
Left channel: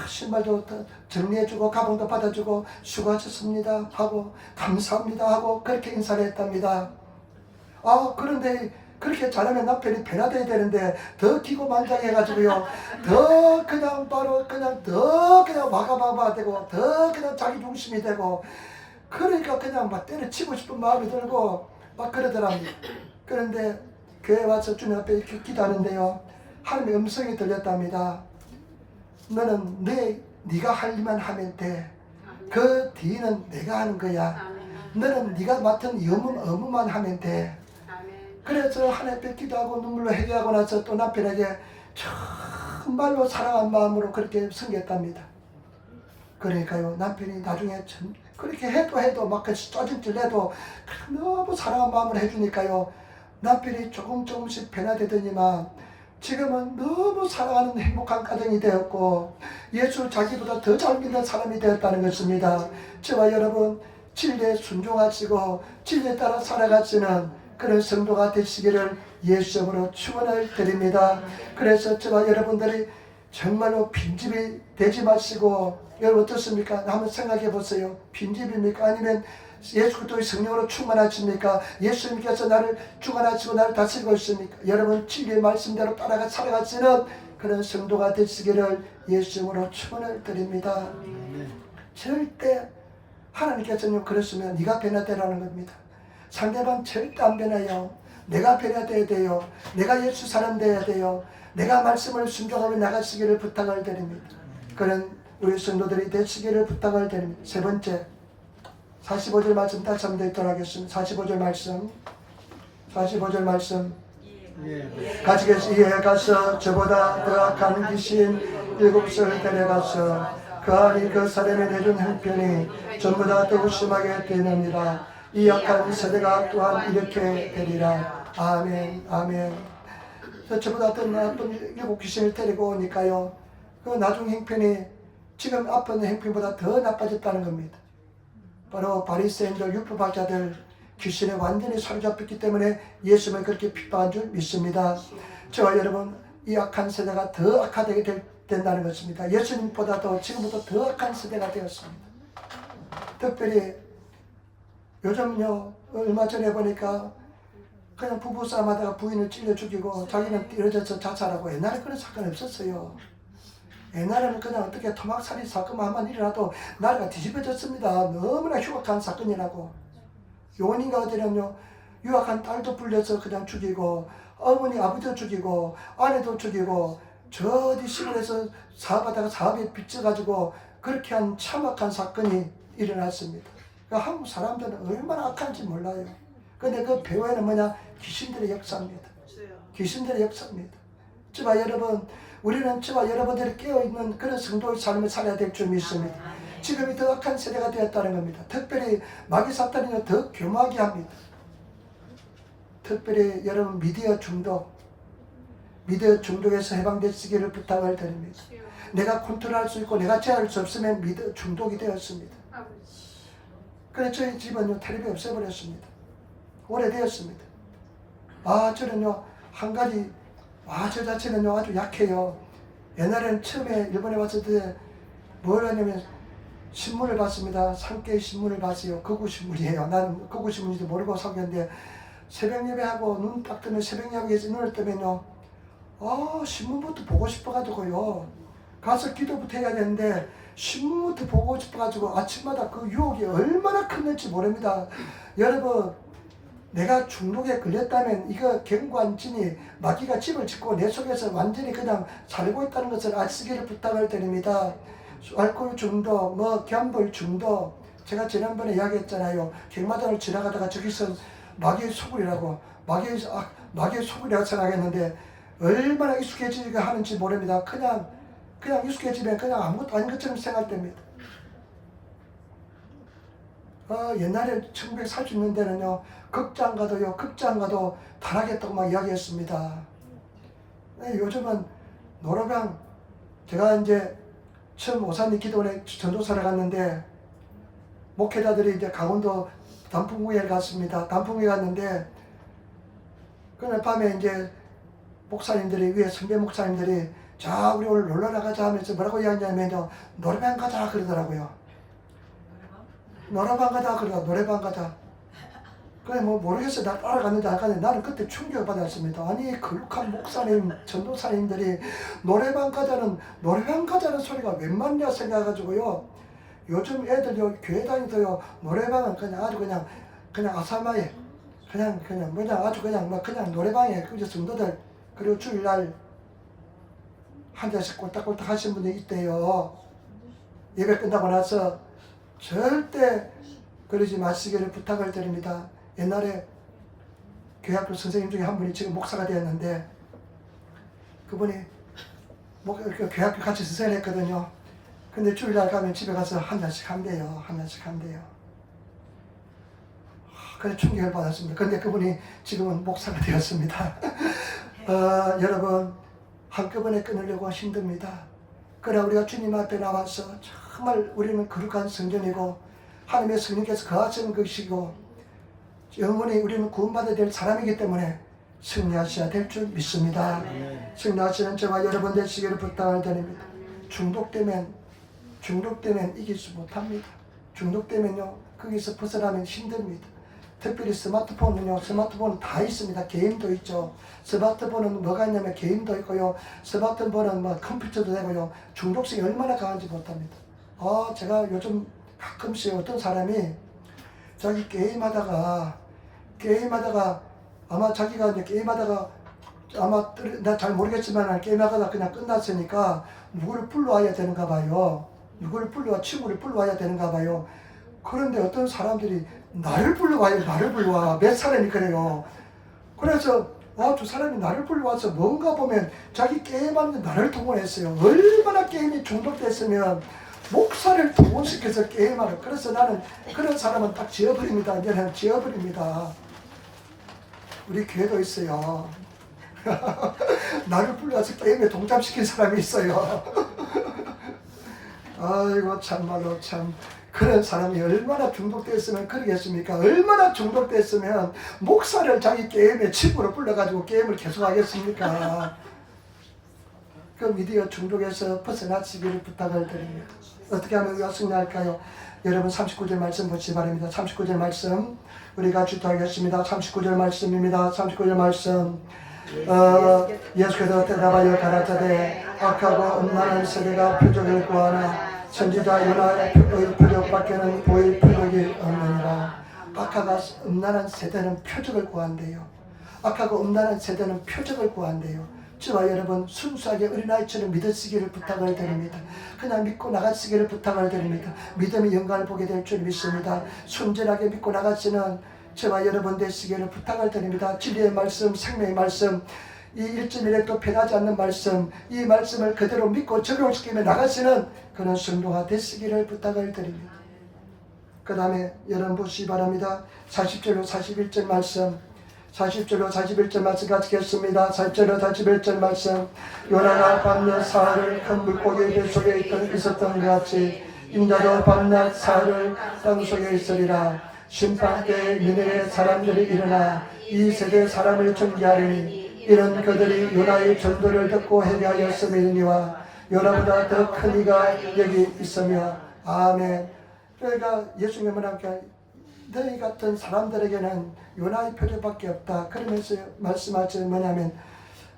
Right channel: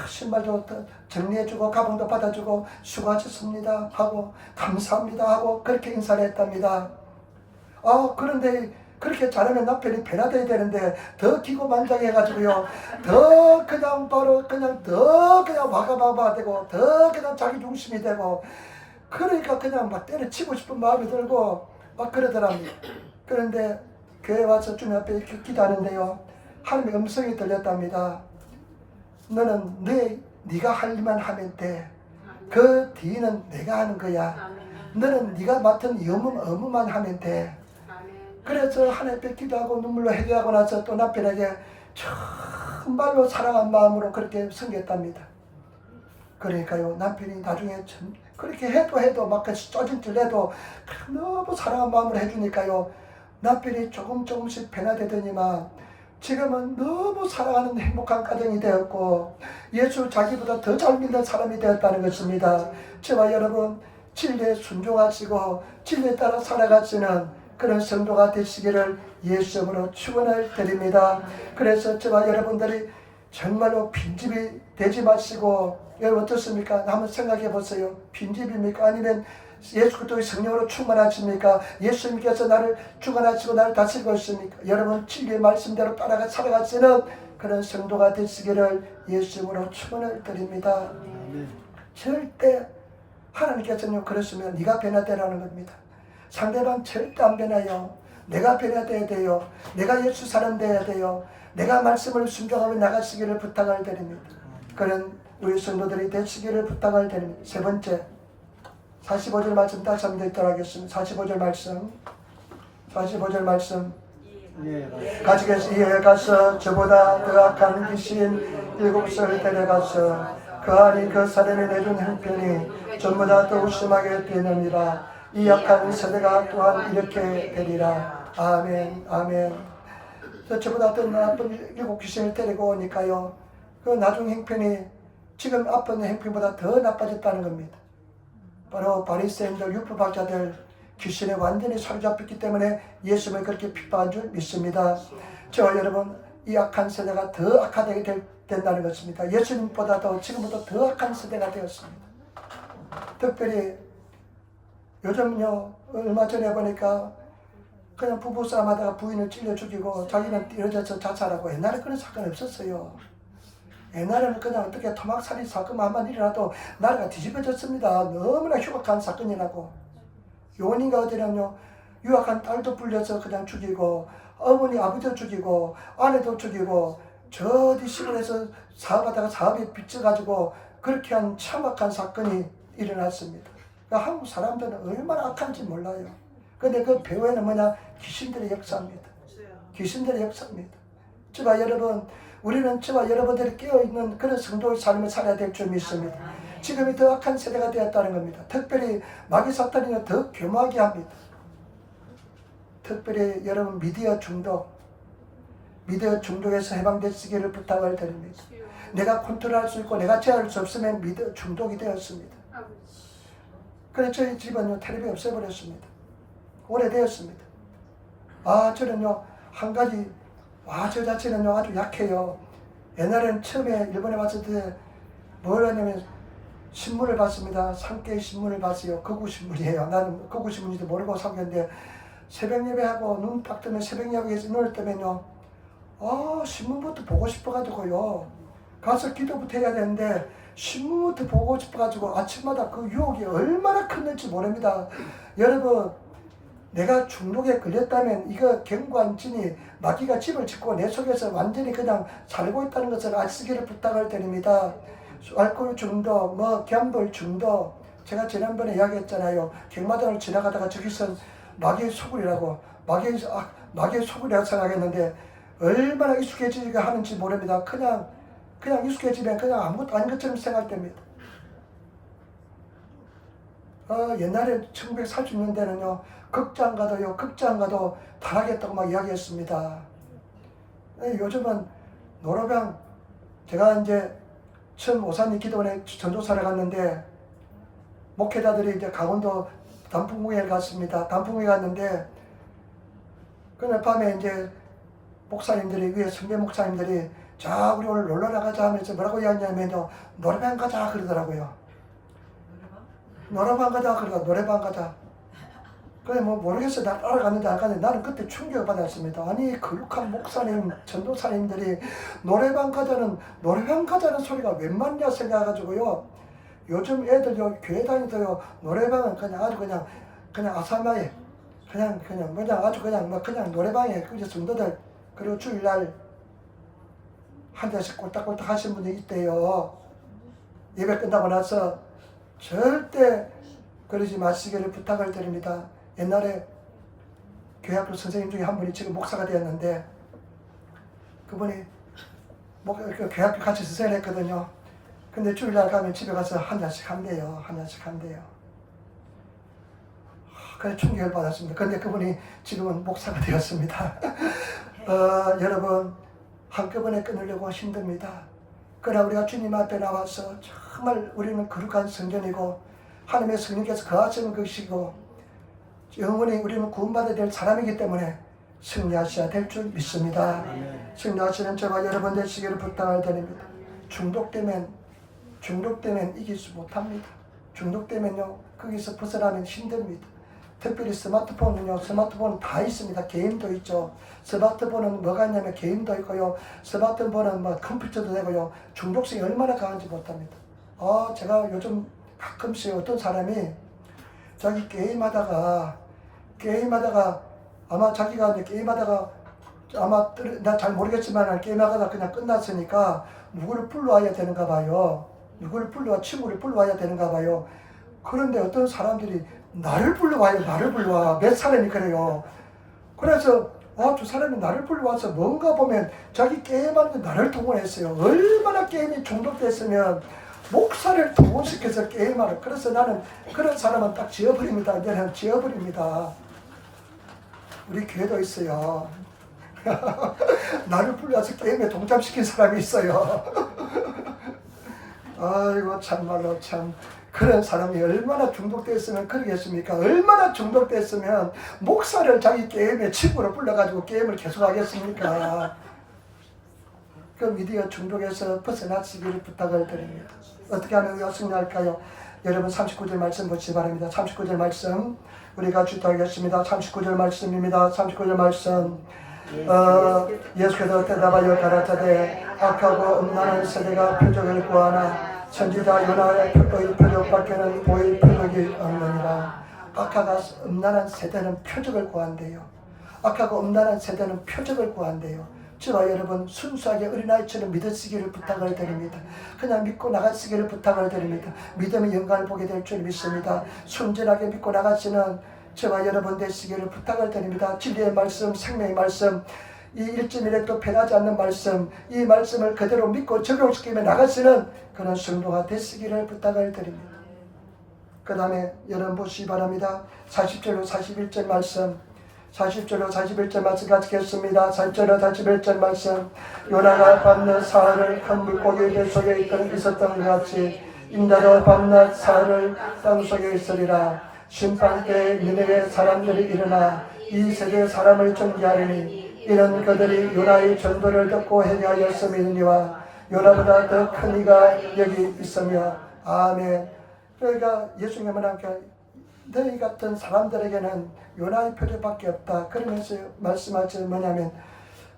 신발도 정리해주고 가방도 받아주고 수고하셨습니다 하고 감사합니다 하고 그렇게 인사를 했답니다. 그런데 그렇게 잘하면 남편이 변화돼야 되는데 더 기고만장해가지고요 더 그냥 바로 그냥 더 그냥 와가마마 되고 더 그냥 자기 중심이 되고 그러니까 그냥 막 때려치고 싶은 마음이 들고 막 그러더랍니다. 그런데 교회 와서 주님 앞에 이렇게 기도하는데요 하나님의 음성이 들렸답니다. 너는 네가 할 일만 하면 돼. 그 뒤는 내가 하는 거야. 너는 네가 맡은 업무만 하면 돼. 그래서 하나님 앞에 기도하고 눈물로 회개하고 나서 또 남편에게 정말로 사랑한 마음으로 그렇게 섬겼답니다. 그러니까요 남편이 나중에 그렇게 해도 막 쪼질쪼질해도 너무 사랑한 마음으로 해주니까요 남편이 조금씩 변화되더니만 지금은 너무 사랑하는 행복한 가정이 되었고 예수 자기보다 더 잘 믿는 사람이 되었다는 것입니다. 저와 여러분 진리에 순종하시고 진리에 따라 살아가시는 그런 성도가 되시기를 예수 이름으로 축원을 드립니다. 그래서 저와 여러분들이 정말로 빈집이 되지 마시고, 여러분 어떻습니까? 한번 생각해 보세요. 빈집입니까? 아니면 예수 그리스도의 성령으로 충만하십니까? 예수님께서 나를 주관하시고 나를 다스리고 있습니까? 여러분 진리의 말씀대로 따라가 살아가시는 그런 성도가 되시기를 예수 이름으로 축원을 드립니다. 절대 하나님께서는 그러시면 네가 변화되라는 겁니다. 상대방 절대 안 변해요. 내가 변화돼야 돼요. 내가 예수 사람 돼야 돼요. 내가 말씀을 순종하며 나가시기를 부탁을 드립니다. 그런 우리 성도들이 되시기를 부탁을 드립니다. 세 번째 45절 말씀 다시 한번 읽도록 하겠습니다. 45절 말씀 가지께서 이에 가서 저보다 더 악한 귀신 7을 데려가서 그 안이 그 사람이 내준 형편이 전부 다 더욱 심하게 되느니라. 이 악한 세대가 또한 이렇게 되리라. 아멘 아멘. 저보다 더 나쁜 7 귀신을 데리고 오니까요, 그 나중 형편이 지금 아픈 형편보다 더 나빠졌다는 겁니다. 바로 바리새인들 율법학자들 귀신에 완전히 사로잡혔기 때문에 예수님을 그렇게 핍박한 줄 믿습니다. 저와 여러분 이 악한 세대가 더 악화되게 된다는 것입니다. 예수님보다도 지금부터 더 악한 세대가 되었습니다. 특별히 요즘요, 얼마 전에 보니까 그냥 부부싸움 하다가 부인을 찔러 죽이고 자기는 뛰어져서 자살하고, 옛날에 그런 사건이 없었어요. 옛날에는 그냥 어떻게 토막살이 사건만 한번 일어나도 나라가 뒤집어졌습니다. 너무나 흉악한 사건이라고. 요원인가 어디냐면요, 유학한 딸도 불려서 그냥 죽이고, 어머니 아버지도 죽이고, 아내도 죽이고, 저 어디 시골에서 사업하다가 사업이 빚져가지고 그렇게 한 참악한 사건이 일어났습니다. 그러니까 한국 사람들은 얼마나 악한지 몰라요. 근데 그 배후에는 뭐냐? 귀신들의 역사입니다. 귀신들의 역사입니다. 저와 여러분, 우리는 저와 여러분들이 깨어있는 그런 성도의 삶을 살아야 될 줄 믿습니다. 지금이 더 악한 세대가 되었다는 겁니다. 특별히 마귀 사탄이 더 교묘하게 합니다. 특별히 여러분 미디어 중독에서 해방되시기를 부탁을 드립니다. 내가 컨트롤할 수 있고 내가 제어할 수 없으면 미디어 중독이 되었습니다. 그래서 저희 집은요, 텔레비전 없애버렸습니다. 오래되었습니다. 저는요, 한 가지, 저 자체는요, 아주 약해요. 옛날에는 처음에 일본에 왔을 때 뭘 하냐면 신문을 봤습니다. 산케이 신문을 봤어요. 극우신문이에요. 나는 극우신문인지도 모르고 사귀었는데, 새벽 예배하고 눈 딱 뜨면 새벽 예배에서 눈을 뜨면요, 신문부터 보고 싶어가지고요, 가서 기도부터 해야 되는데 신문부터 보고 싶어가지고 아침마다 그 유혹이 얼마나 컸는지 모릅니다. 여러분, 내가 중독에 걸렸다면 이거 경관진이 마귀가 집을 짓고 내 속에서 완전히 그냥 살고 있다는 것을 아시기를 부탁을 드립니다. 알코올 중독, 갬블 중독, 제가 지난번에 이야기했잖아요. 경마장을 지나가다가 저기서 마귀의 소굴이라고, 마귀의 소굴이라고 생각했는데 얼마나 익숙해지게 하는지 모릅니다. 그냥 익숙해지면 그냥 아무것도 아닌 것처럼 생각됩니다. 옛날에 1940년대는요, 극장 가도 타락했다고 막 이야기했습니다. 요즘은 노래방, 제가 이제 처음 오산리 기도원에 전도사를 갔는데, 목회자들이 이제 강원도 단풍구에 갔습니다. 단풍구에 갔는데, 그날 밤에 이제 목사님들이, 위에 선배 목사님들이, 자, 우리 오늘 놀러 나가자 하면서 뭐라고 이야기하냐면요, 노래방 가자 그러더라고요. 노래방 가자 그러고, 노래방 가자. 그래 모르겠어요. 나 따라갔는지 안 갔는데 나는 그때 충격을 받았습니다. 아니 거룩한 목사님, 전도사님들이 노래방 가자는 소리가 웬 말이냐 생각해가지고요. 요즘 애들요, 교회 다니도요, 노래방은 그냥 아주 그냥 아사마에 그냥 아주 그냥 노래방에 그저 성도들, 그리고 주일날 한 잔씩 꼴딱꼴딱 하신 분이 있대요. 예배 끝나고 나서 절대 그러지 마시기를 부탁을 드립니다. 옛날에 교회학교 선생님 중에 한 분이 지금 목사가 되었는데, 그분이 교회학교 같이 선생을 했거든요. 근데 주일날 가면 집에 가서 한 잔씩 한대요. 그래서 충격을 받았습니다. 근데 그분이 지금은 목사가 되었습니다. 여러분, 한꺼번에 끊으려고 힘듭니다. 그러나 우리가 주님 앞에 나와서 정말 우리는 거룩한 성전이고 하나님의 성령께서 거하시는 것이고 영원히 우리는 구원받아야 될 사람이기 때문에 승리하셔야 될 줄 믿습니다. 승리하시는 저와 여러분 되시기를 부탁을 드립니다. 중독되면 이기지 못합니다. 중독되면요 거기서 벗어나면 힘듭니다. 특별히 스마트폰은요, 스마트폰은 다 있습니다. 게임도 있죠. 스마트폰은 뭐가 있냐면 게임도 있고요. 스마트폰은 뭐 컴퓨터도 되고요. 중독성이 얼마나 강한지 못합니다. 제가 요즘 가끔씩 어떤 사람이 자기 게임하다가 아마 자기가 이제 게임하다가 아마 나 잘 모르겠지만 게임하다가 그냥 끝났으니까 누구를 불러와야 되는가 봐요. 친구를 불러와야 되는가 봐요. 그런데 어떤 사람들이 나를 불러와. 몇 사람이 그래요. 그래서 두 사람이 나를 불러와서 뭔가 보면 자기 게임하는데 나를 동원했어요. 얼마나 게임이 중독됐으면 목사를 동원시켜서 게임하러. 그래서 나는 그런 사람은 딱 지어버립니다. 이제는 지어버립니다. 우리 교회도 있어요. 나를 불러와서 게임에 동참시킨 사람이 있어요. 아이고 참말로 참 그런 사람이 얼마나 중독됐으면 그러겠습니까? 얼마나 중독됐으면 목사를 자기 게임에 친구로 불러가지고 게임을 계속하겠습니까? 그 미디어 중독에서 벗어나시기를 부탁을 드립니다. 어떻게 하면 우리가 승리할까요? 여러분 39절 말씀 보시기 바랍니다. 39절 말씀 우리 같이 하겠습니다. 39절 말씀입니다. 39절 말씀 예수께서 대답하여 가라사대 악하고 음란한 세대가 표적을 구하나 선지자 요나의 표적밖에는 보일 표적이 없느니라. 악하고 음란한 세대는 표적을 구한대요. 악하고 음란한 세대는 표적을 구한대요. 저와 여러분 순수하게 어린아이처럼 믿으시기를 부탁을 드립니다. 그냥 믿고 나가시기를 부탁을 드립니다. 믿음의 영광을 보게 될 줄 믿습니다. 순전하게 믿고 나가시는 저와 여러분 되시기를 부탁을 드립니다. 진리의 말씀, 생명의 말씀, 이 1.1획도 변하지 않는 말씀, 이 말씀을 그대로 믿고 적용시키며 나가시는 그런 성도가 되시기를 부탁을 드립니다. 그 다음에 여러분 보시기 바랍니다. 40절로 41절 말씀, 40절로 41절 말씀 같이 읽겠습니다. 40절로 41절 말씀 요나가 밤낮 사흘을 큰 물고기 배 속에 있었던 것 같이 인자도 밤낮 사흘을 땅 속에 있으리라. 심판 때 니네의 사람들이 일어나 이 세대 사람을 정죄하리니 이는 그들이 요나의 전도를 듣고 회개하였음이니와 요나보다 더 큰 이가 여기 있으며 아멘. 그러니까 예수님은 함께 너희 같은 사람들에게는 요나의 표적밖에 없다. 그러면서 말씀하시는 뭐냐면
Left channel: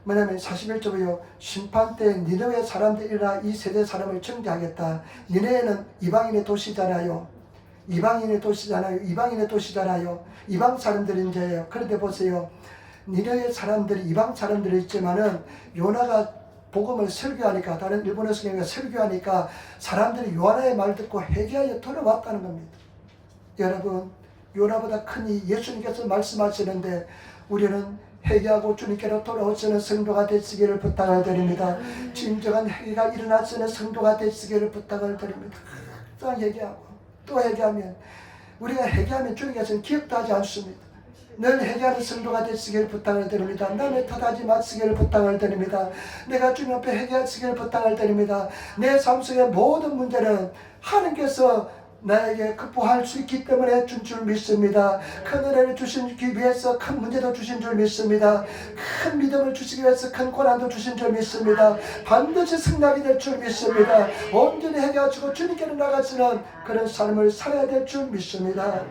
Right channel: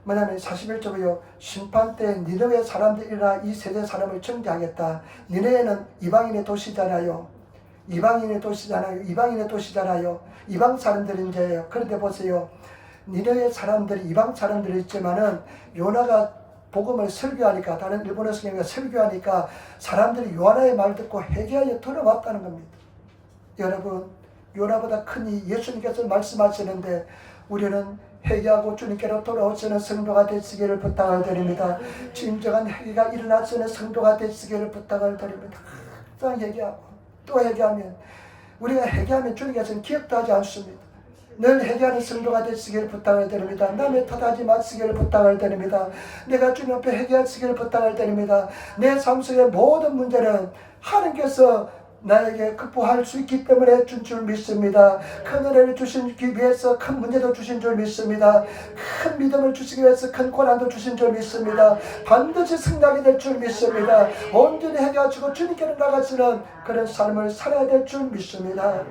41절이요. 심판 때 니네의 사람들이라 이 세대 사람을 정죄하겠다. 니네는 이방인의 도시잖아요. 이방인의 도시잖아요. 이방 사람들인데요. 그런데 보세요. 니네의 사람들이 이방 사람들이 있지만은 요나가 복음을 설교하니까 다른 일본어 성경이 설교하니까 사람들이 요나의 말 듣고 회개하여 돌아왔다는 겁니다. 여러분 요나보다 크니 예수님께서 말씀하시는데 우리는 회개하고 주님께로 돌아오시는 성도가 되시기를 부탁을 드립니다. 진정한 회개가 일어나시는 성도가 되시기를 부탁을 드립니다. 또 회개하고 또 회개하면 우리가 회개하면 주님께서는 기억도 하지 않습니다. 늘 회개하는 성도가 되시기를 부탁을 드립니다. 남의 탓하지 마시기를 부탁을 드립니다. 내가 주님 앞에 회개하시기를 부탁을 드립니다. 내 삶 속의 모든 문제는 하나님께서 나에게 극복할 수 있기 때문에 준 줄 믿습니다. 큰 은혜를 주시기 위해서 큰 문제도 주신 줄 믿습니다. 큰 믿음을 주시기 위해서 큰 고난도 주신 줄 믿습니다. 반드시 승리하게 될 줄 믿습니다. 온전히 해가지고 주님께로 나가시는 그런 삶을 살아야 될 줄 믿습니다.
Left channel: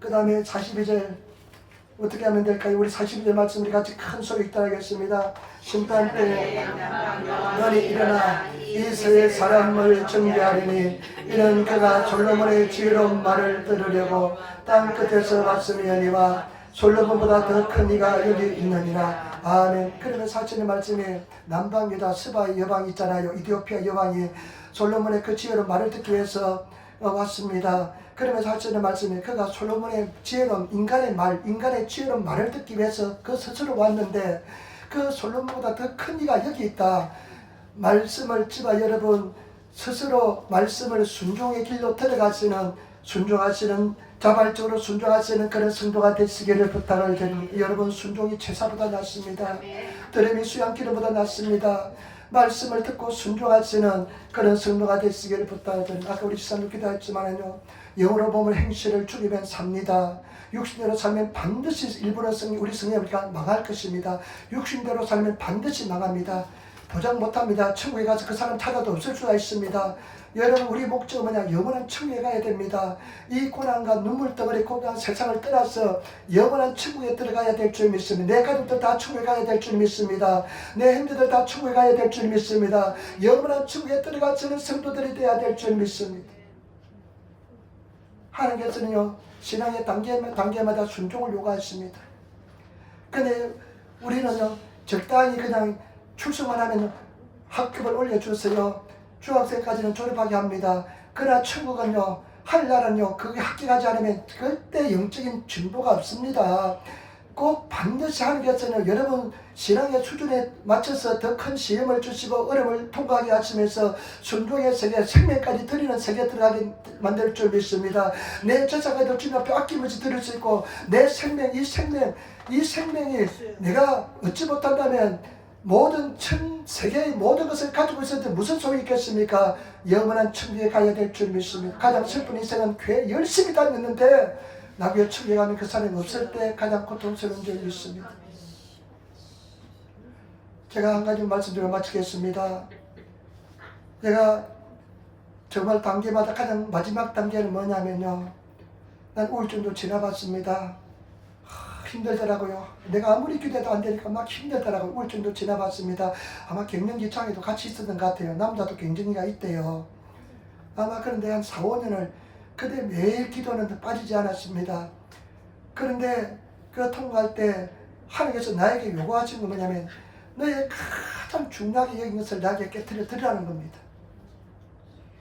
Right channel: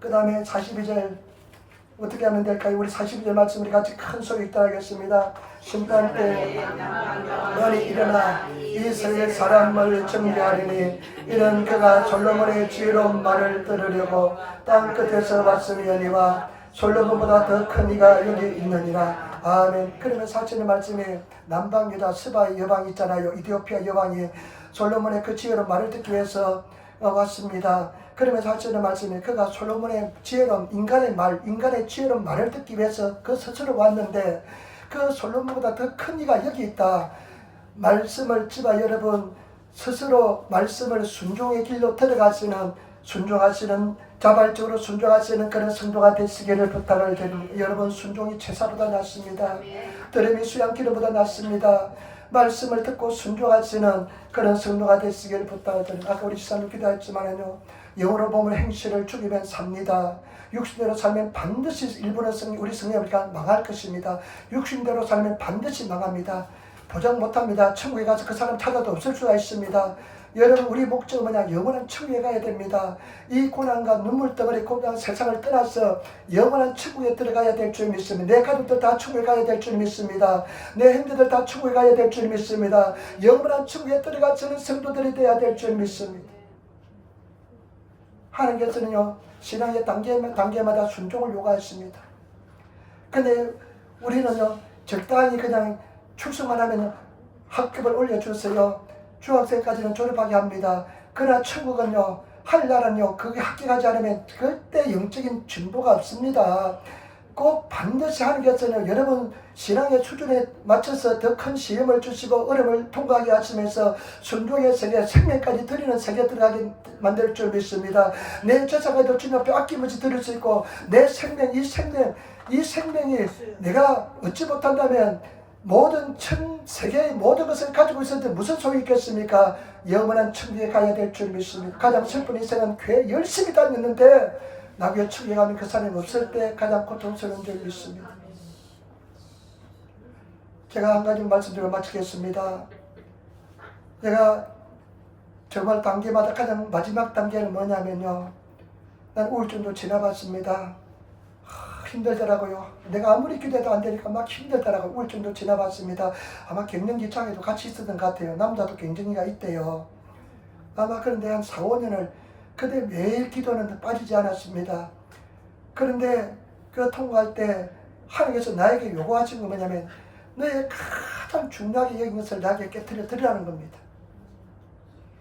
그 다음에 42절 어떻게 하면 될까요? 우리 42절 말씀 우리 같이 큰 소리 따라하겠습니다. 심판 때 너는 일어나 이 세의 사람을 정죄하리니 이는 그가 솔로몬의 지혜로운 말을 들으려고 땅 끝에서 왔음이니와 솔로몬보다 더 큰 이가 여기 있느니라. 아멘. 그러면 사실의 말씀이 남방유다 스바의 여왕이 있잖아요. 이디오피아 여왕이 솔로몬의 그 지혜로운 말을 듣기 위해서 왔습니다. 그러면서 하시는 말씀이 그가 솔로몬의 지혜로운 인간의 지혜로운 말을 듣기 위해서 그 스스로 왔는데 그 솔로몬보다 더 큰 이가 여기 있다. 말씀을 지바 여러분 스스로 말씀을 순종의 길로 순종하시는 자발적으로 순종하시는 그런 성도가 되시기를 부탁을 드립니다. 여러분 순종이 제사보다 낫습니다. 들음이 수양기름보다 낫습니다. 말씀을 듣고 순종하시는 그런 성도가 되시기를 부탁을 드립니다. 아까 우리 지사님 기도했지만요. 영으로 보면 행실을 죽이면 삽니다. 육신대로 살면 반드시 일부러 우리 성령이니까 망할 것입니다. 육신대로 살면 반드시 망합니다. 보장 못합니다. 천국에 가서 그 사람 찾아도 없을 수가 있습니다. 여러분, 우리 목적은 뭐냐? 영원한 천국에 가야 됩니다. 이 고난과 눈물덩어리 고난 세상을 떠나서 영원한 천국에 들어가야 될 줄 믿습니다. 내 가족들 다 천국에 가야 될 줄 믿습니다. 내 형제들 다 천국에 가야 될 줄 믿습니다. 영원한 천국에 들어가서는 성도들이 되어야 될 줄 믿습니다. 하나님께서는요, 신앙의 단계마다 순종을 요구하십니다. 근데 우리는요, 적당히 그냥 출석만 하면 학급을 올려주세요. 중학생까지는 졸업하게 합니다. 그러나 천국은요, 하늘나라는요, 그게 합격하지 않으면 그때 영적인 진보가 없습니다. 꼭 반드시 하나님께서는 여러분 신앙의 수준에 맞춰서 더 큰 시험을 주시고 어려움을 통과하게 하시면서 순종의 세계, 생명까지 드리는 세계 들어가게 만들 줄 믿습니다. 내 제사까지도 주님 앞에 아낌없이 드릴 수 있고, 내 생명, 이 생명이 내가 얻지 못한다면 모든 세계의 모든 것을 가지고 있었는데 무슨 소용이 있겠습니까? 영원한 천국에 가야 될 줄 믿습니다. 가장 슬픈 인생은 교회 열심히 다녔는데 나중에 천국에 가면 그 사람이 없을 때 가장 고통스러운 줄 믿습니다. 제가 한 가지 말씀드리고 마치겠습니다. 제가 정말 단계마다 가장 마지막 단계는 뭐냐면요, 난 우울증도 지나봤습니다. 힘들더라고요. 내가 아무리 기대도 안 되니까 막 힘들더라고요. 우울증도 지나봤습니다. 아마 갱년기장애도 같이 있었던 것 같아요. 남자도 갱년기가 있대요. 아마 그런데 한 4, 5년을 그때 매일 기도는 빠지지 않았습니다. 그런데 그 통과할 때 하나님께서 나에게 요구하신 건 뭐냐면, 너의 가장 중요하게 여긴 것을 나에게 깨뜨려 드리라는 겁니다.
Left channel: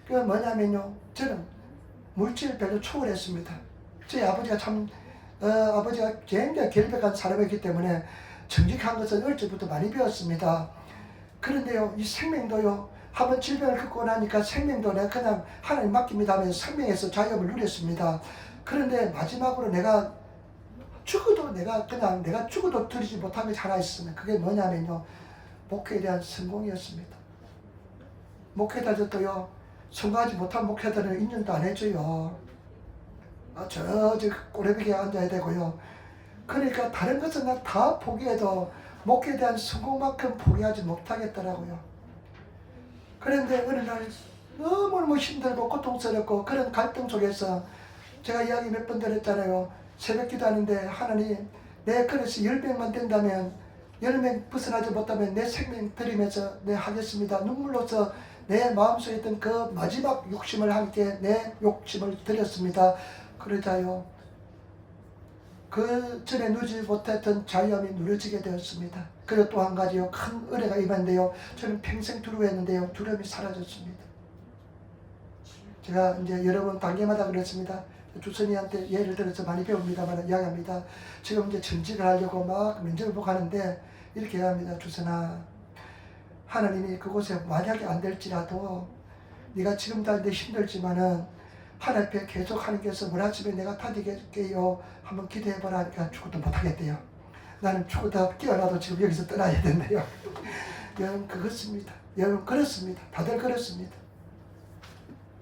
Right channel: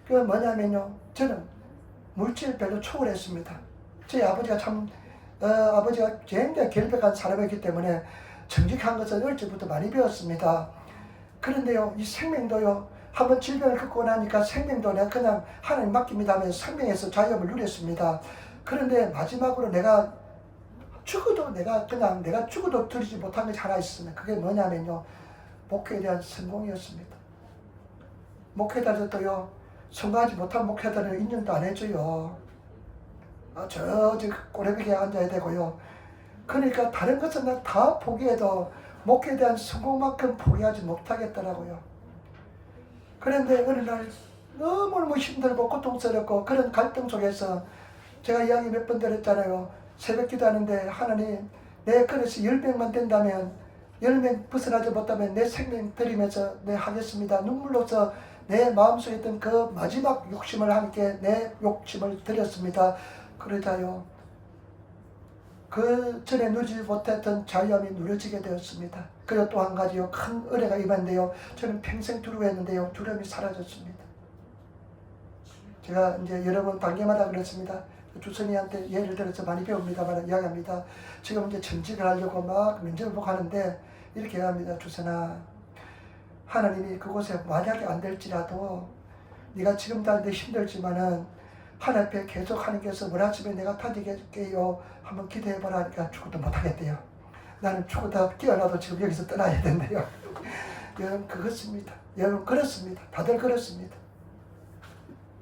그 뭐냐면요, 저는 물질 별로 초월했습니다. 저희 아버지가 아버지가 굉장히 결백한 사람이기 때문에 정직한 것은 어릴 적부터 많이 배웠습니다. 그런데요, 이 생명도요, 한번 질병을 겪고 나니까 생명도 내가 그냥 하나님 맡깁니다 하면서 생명에서 자유함을 누렸습니다. 그런데 마지막으로 내가 죽어도 드리지 못한 것이 하나 있습니다. 그게 뭐냐면요, 목회에 대한 성공이었습니다. 목회자들도요, 성공하지 못한 목회자들은 인정도 안 해줘요. 저 꼬레비에 앉아야 되고요. 그러니까 다른 것은 다 포기해도 목회에 대한 성공만큼 포기하지 못하겠더라고요. 그런데 어느 날 너무너무 힘들고 고통스럽고 그런 갈등 속에서 제가 이야기 몇 번 드렸잖아요. 새벽 기도하는데, 하나님, 내 그릇이 10명만 된다면, 10명 벗어나지 못하면 내 생명 드리면서 내 하겠습니다. 눈물로서 내 마음속에 있던 그 마지막 욕심을 함께 내 욕심을 드렸습니다. 그러자요, 그 전에 누리지 못했던 자유함이 누려지게 되었습니다. 그리고 또 한 가지요, 큰 은혜가 임한데요, 저는 평생 두려워했는데요, 두려움이 사라졌습니다. 제가 이제 여러 번 단계마다 그랬습니다. 주선이한테 예를 들어서 많이 배웁니다만 이야기합니다. 지금 이제 전직을 하려고 막 면접을 보고 하는데 이렇게 얘기합니다. 주선아, 하나님이 그곳에 만약에 안 될지라도 네가 지금 다 힘들지만은 하나님 앞에 계속 하나님께서 뭐라 하시면 내가 다니게요 한번 기도해보라 하니까 죽어도 못하겠대요. 나는 죽어도 깨어나도 지금 여기서 떠나야 된대요. 여러분, 그렇습니다. 여러분, 그렇습니다. 다들 그렇습니다.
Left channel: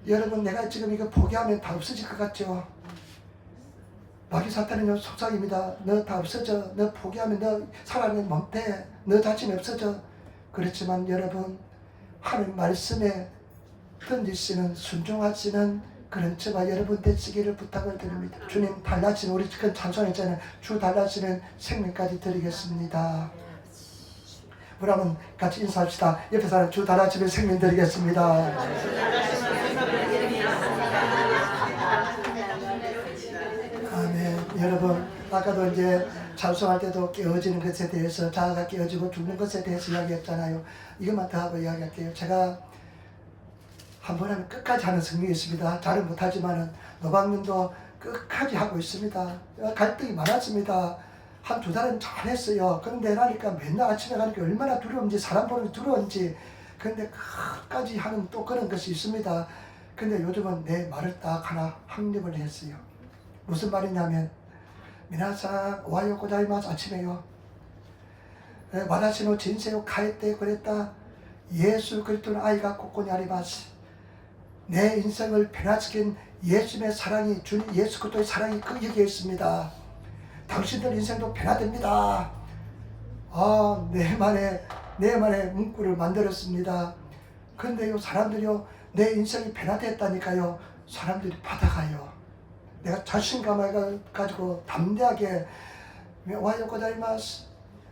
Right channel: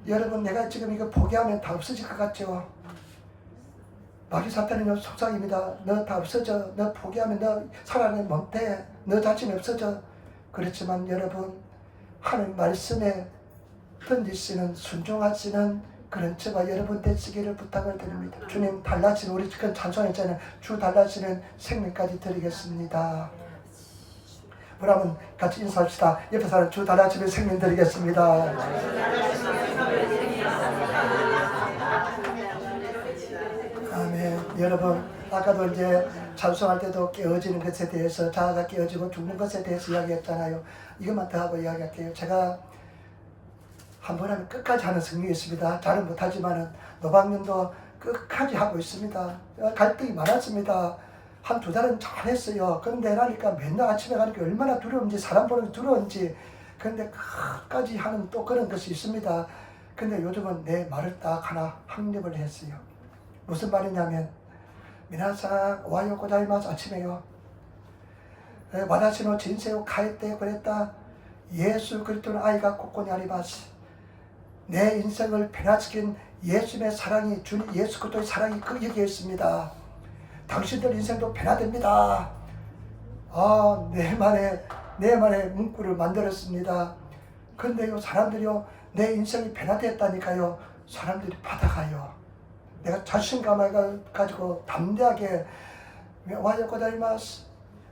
여러분, 내가 지금 이거 포기하면 다 없어질 것 같죠? 마귀 사탄은 속삭입니다. 너 다 없어져. 너 포기하면 너 살아내지 못해. 너 자신이 없어져. 그렇지만 여러분, 하나님 말씀에 던지시는 순종하시는 그런 저와 여러분 되시기를 부탁을 드립니다. 주님 달라지는, 우리 그 찬송했잖아요. 주 달라지는 생명까지 드리겠습니다. 우리 한번 같이 인사합시다. 옆에 사람, 주 달라지는 생명 드리겠습니다. 아멘. 여러분, 아까도 이제 찬송할 때도 깨어지는 것에 대해서, 자아가 깨어지고 죽는 것에 대해서 이야기했잖아요. 이것만 더 하고 이야기할게요. 제가 한 번 하면 끝까지 하는 성령이 있습니다. 잘은 못하지만은 노방면도 끝까지 하고 있습니다. 갈등이 많았습니다. 한 2달은 잘했어요. 그런데 나니까 맨날 아침에 가니까 얼마나 두려운지, 사람 보는 게 두려운지. 그런데 끝까지 하는 또 그런 것이 있습니다. 근데 요즘은 내 말을 딱 하나 확립을 했어요. 무슨 말이냐면, 미나상 오하요 고자이마스, 아침에요, 와다시노 진세요 카에테 그랬다. 예수 그리스도는 아이가 고코니 아리마스. 내 인생을 변화시킨 예수님의 사랑이, 주님 예수 그리스도의 사랑이 여기에 있습니다. 당신들 인생도 변화됩니다. 내 만의 문구를 만들었습니다. 그런데요, 사람들이요, 내 인생이 변화됐다니까요, 사람들이 받아가요. 내가 자신감을 가지고 담대하게 와요 고자이마스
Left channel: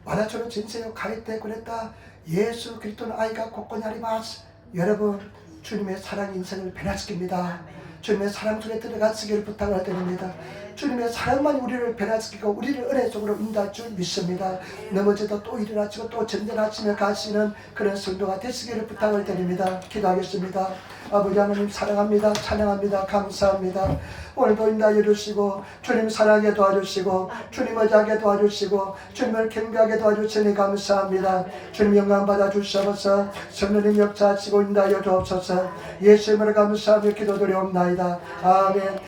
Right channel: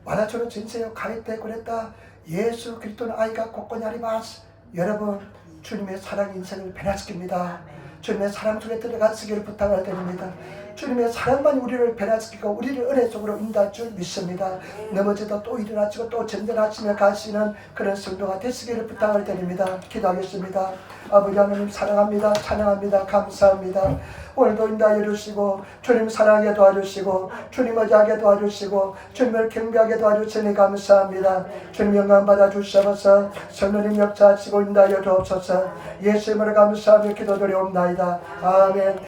와나처럼 진세요 가이테 그랬다. 예수 그리스도는 아이가 곳곳に 아리마스. 여러분, 주님의 사랑이 인생을 변화시킵니다. 주님의 사랑 속에 들어가시기를 부탁을 드립니다. 주님의 사랑만 우리를 변화시키고 우리를 은혜 속으로 인도할 줄 믿습니다. 넘어져도 또 일어나시고 또 전전하시며 가시는 그런 성도가 되시기를 부탁을 드립니다. 기도하겠습니다. 아버지 하나님 사랑합니다. 찬양합니다. 감사합니다. 오늘도 인도하여 주시고 주님 사랑하게 도와주시고 주님 의지하게 도와주시고 주님을 경배하게 도와주시니 감사합니다. 주님 영광 받아주셔서 성령님 역사하시고 인도하여 주옵소서. 예수 이름으로 감사하며 기도드리옵나이다. 아멘.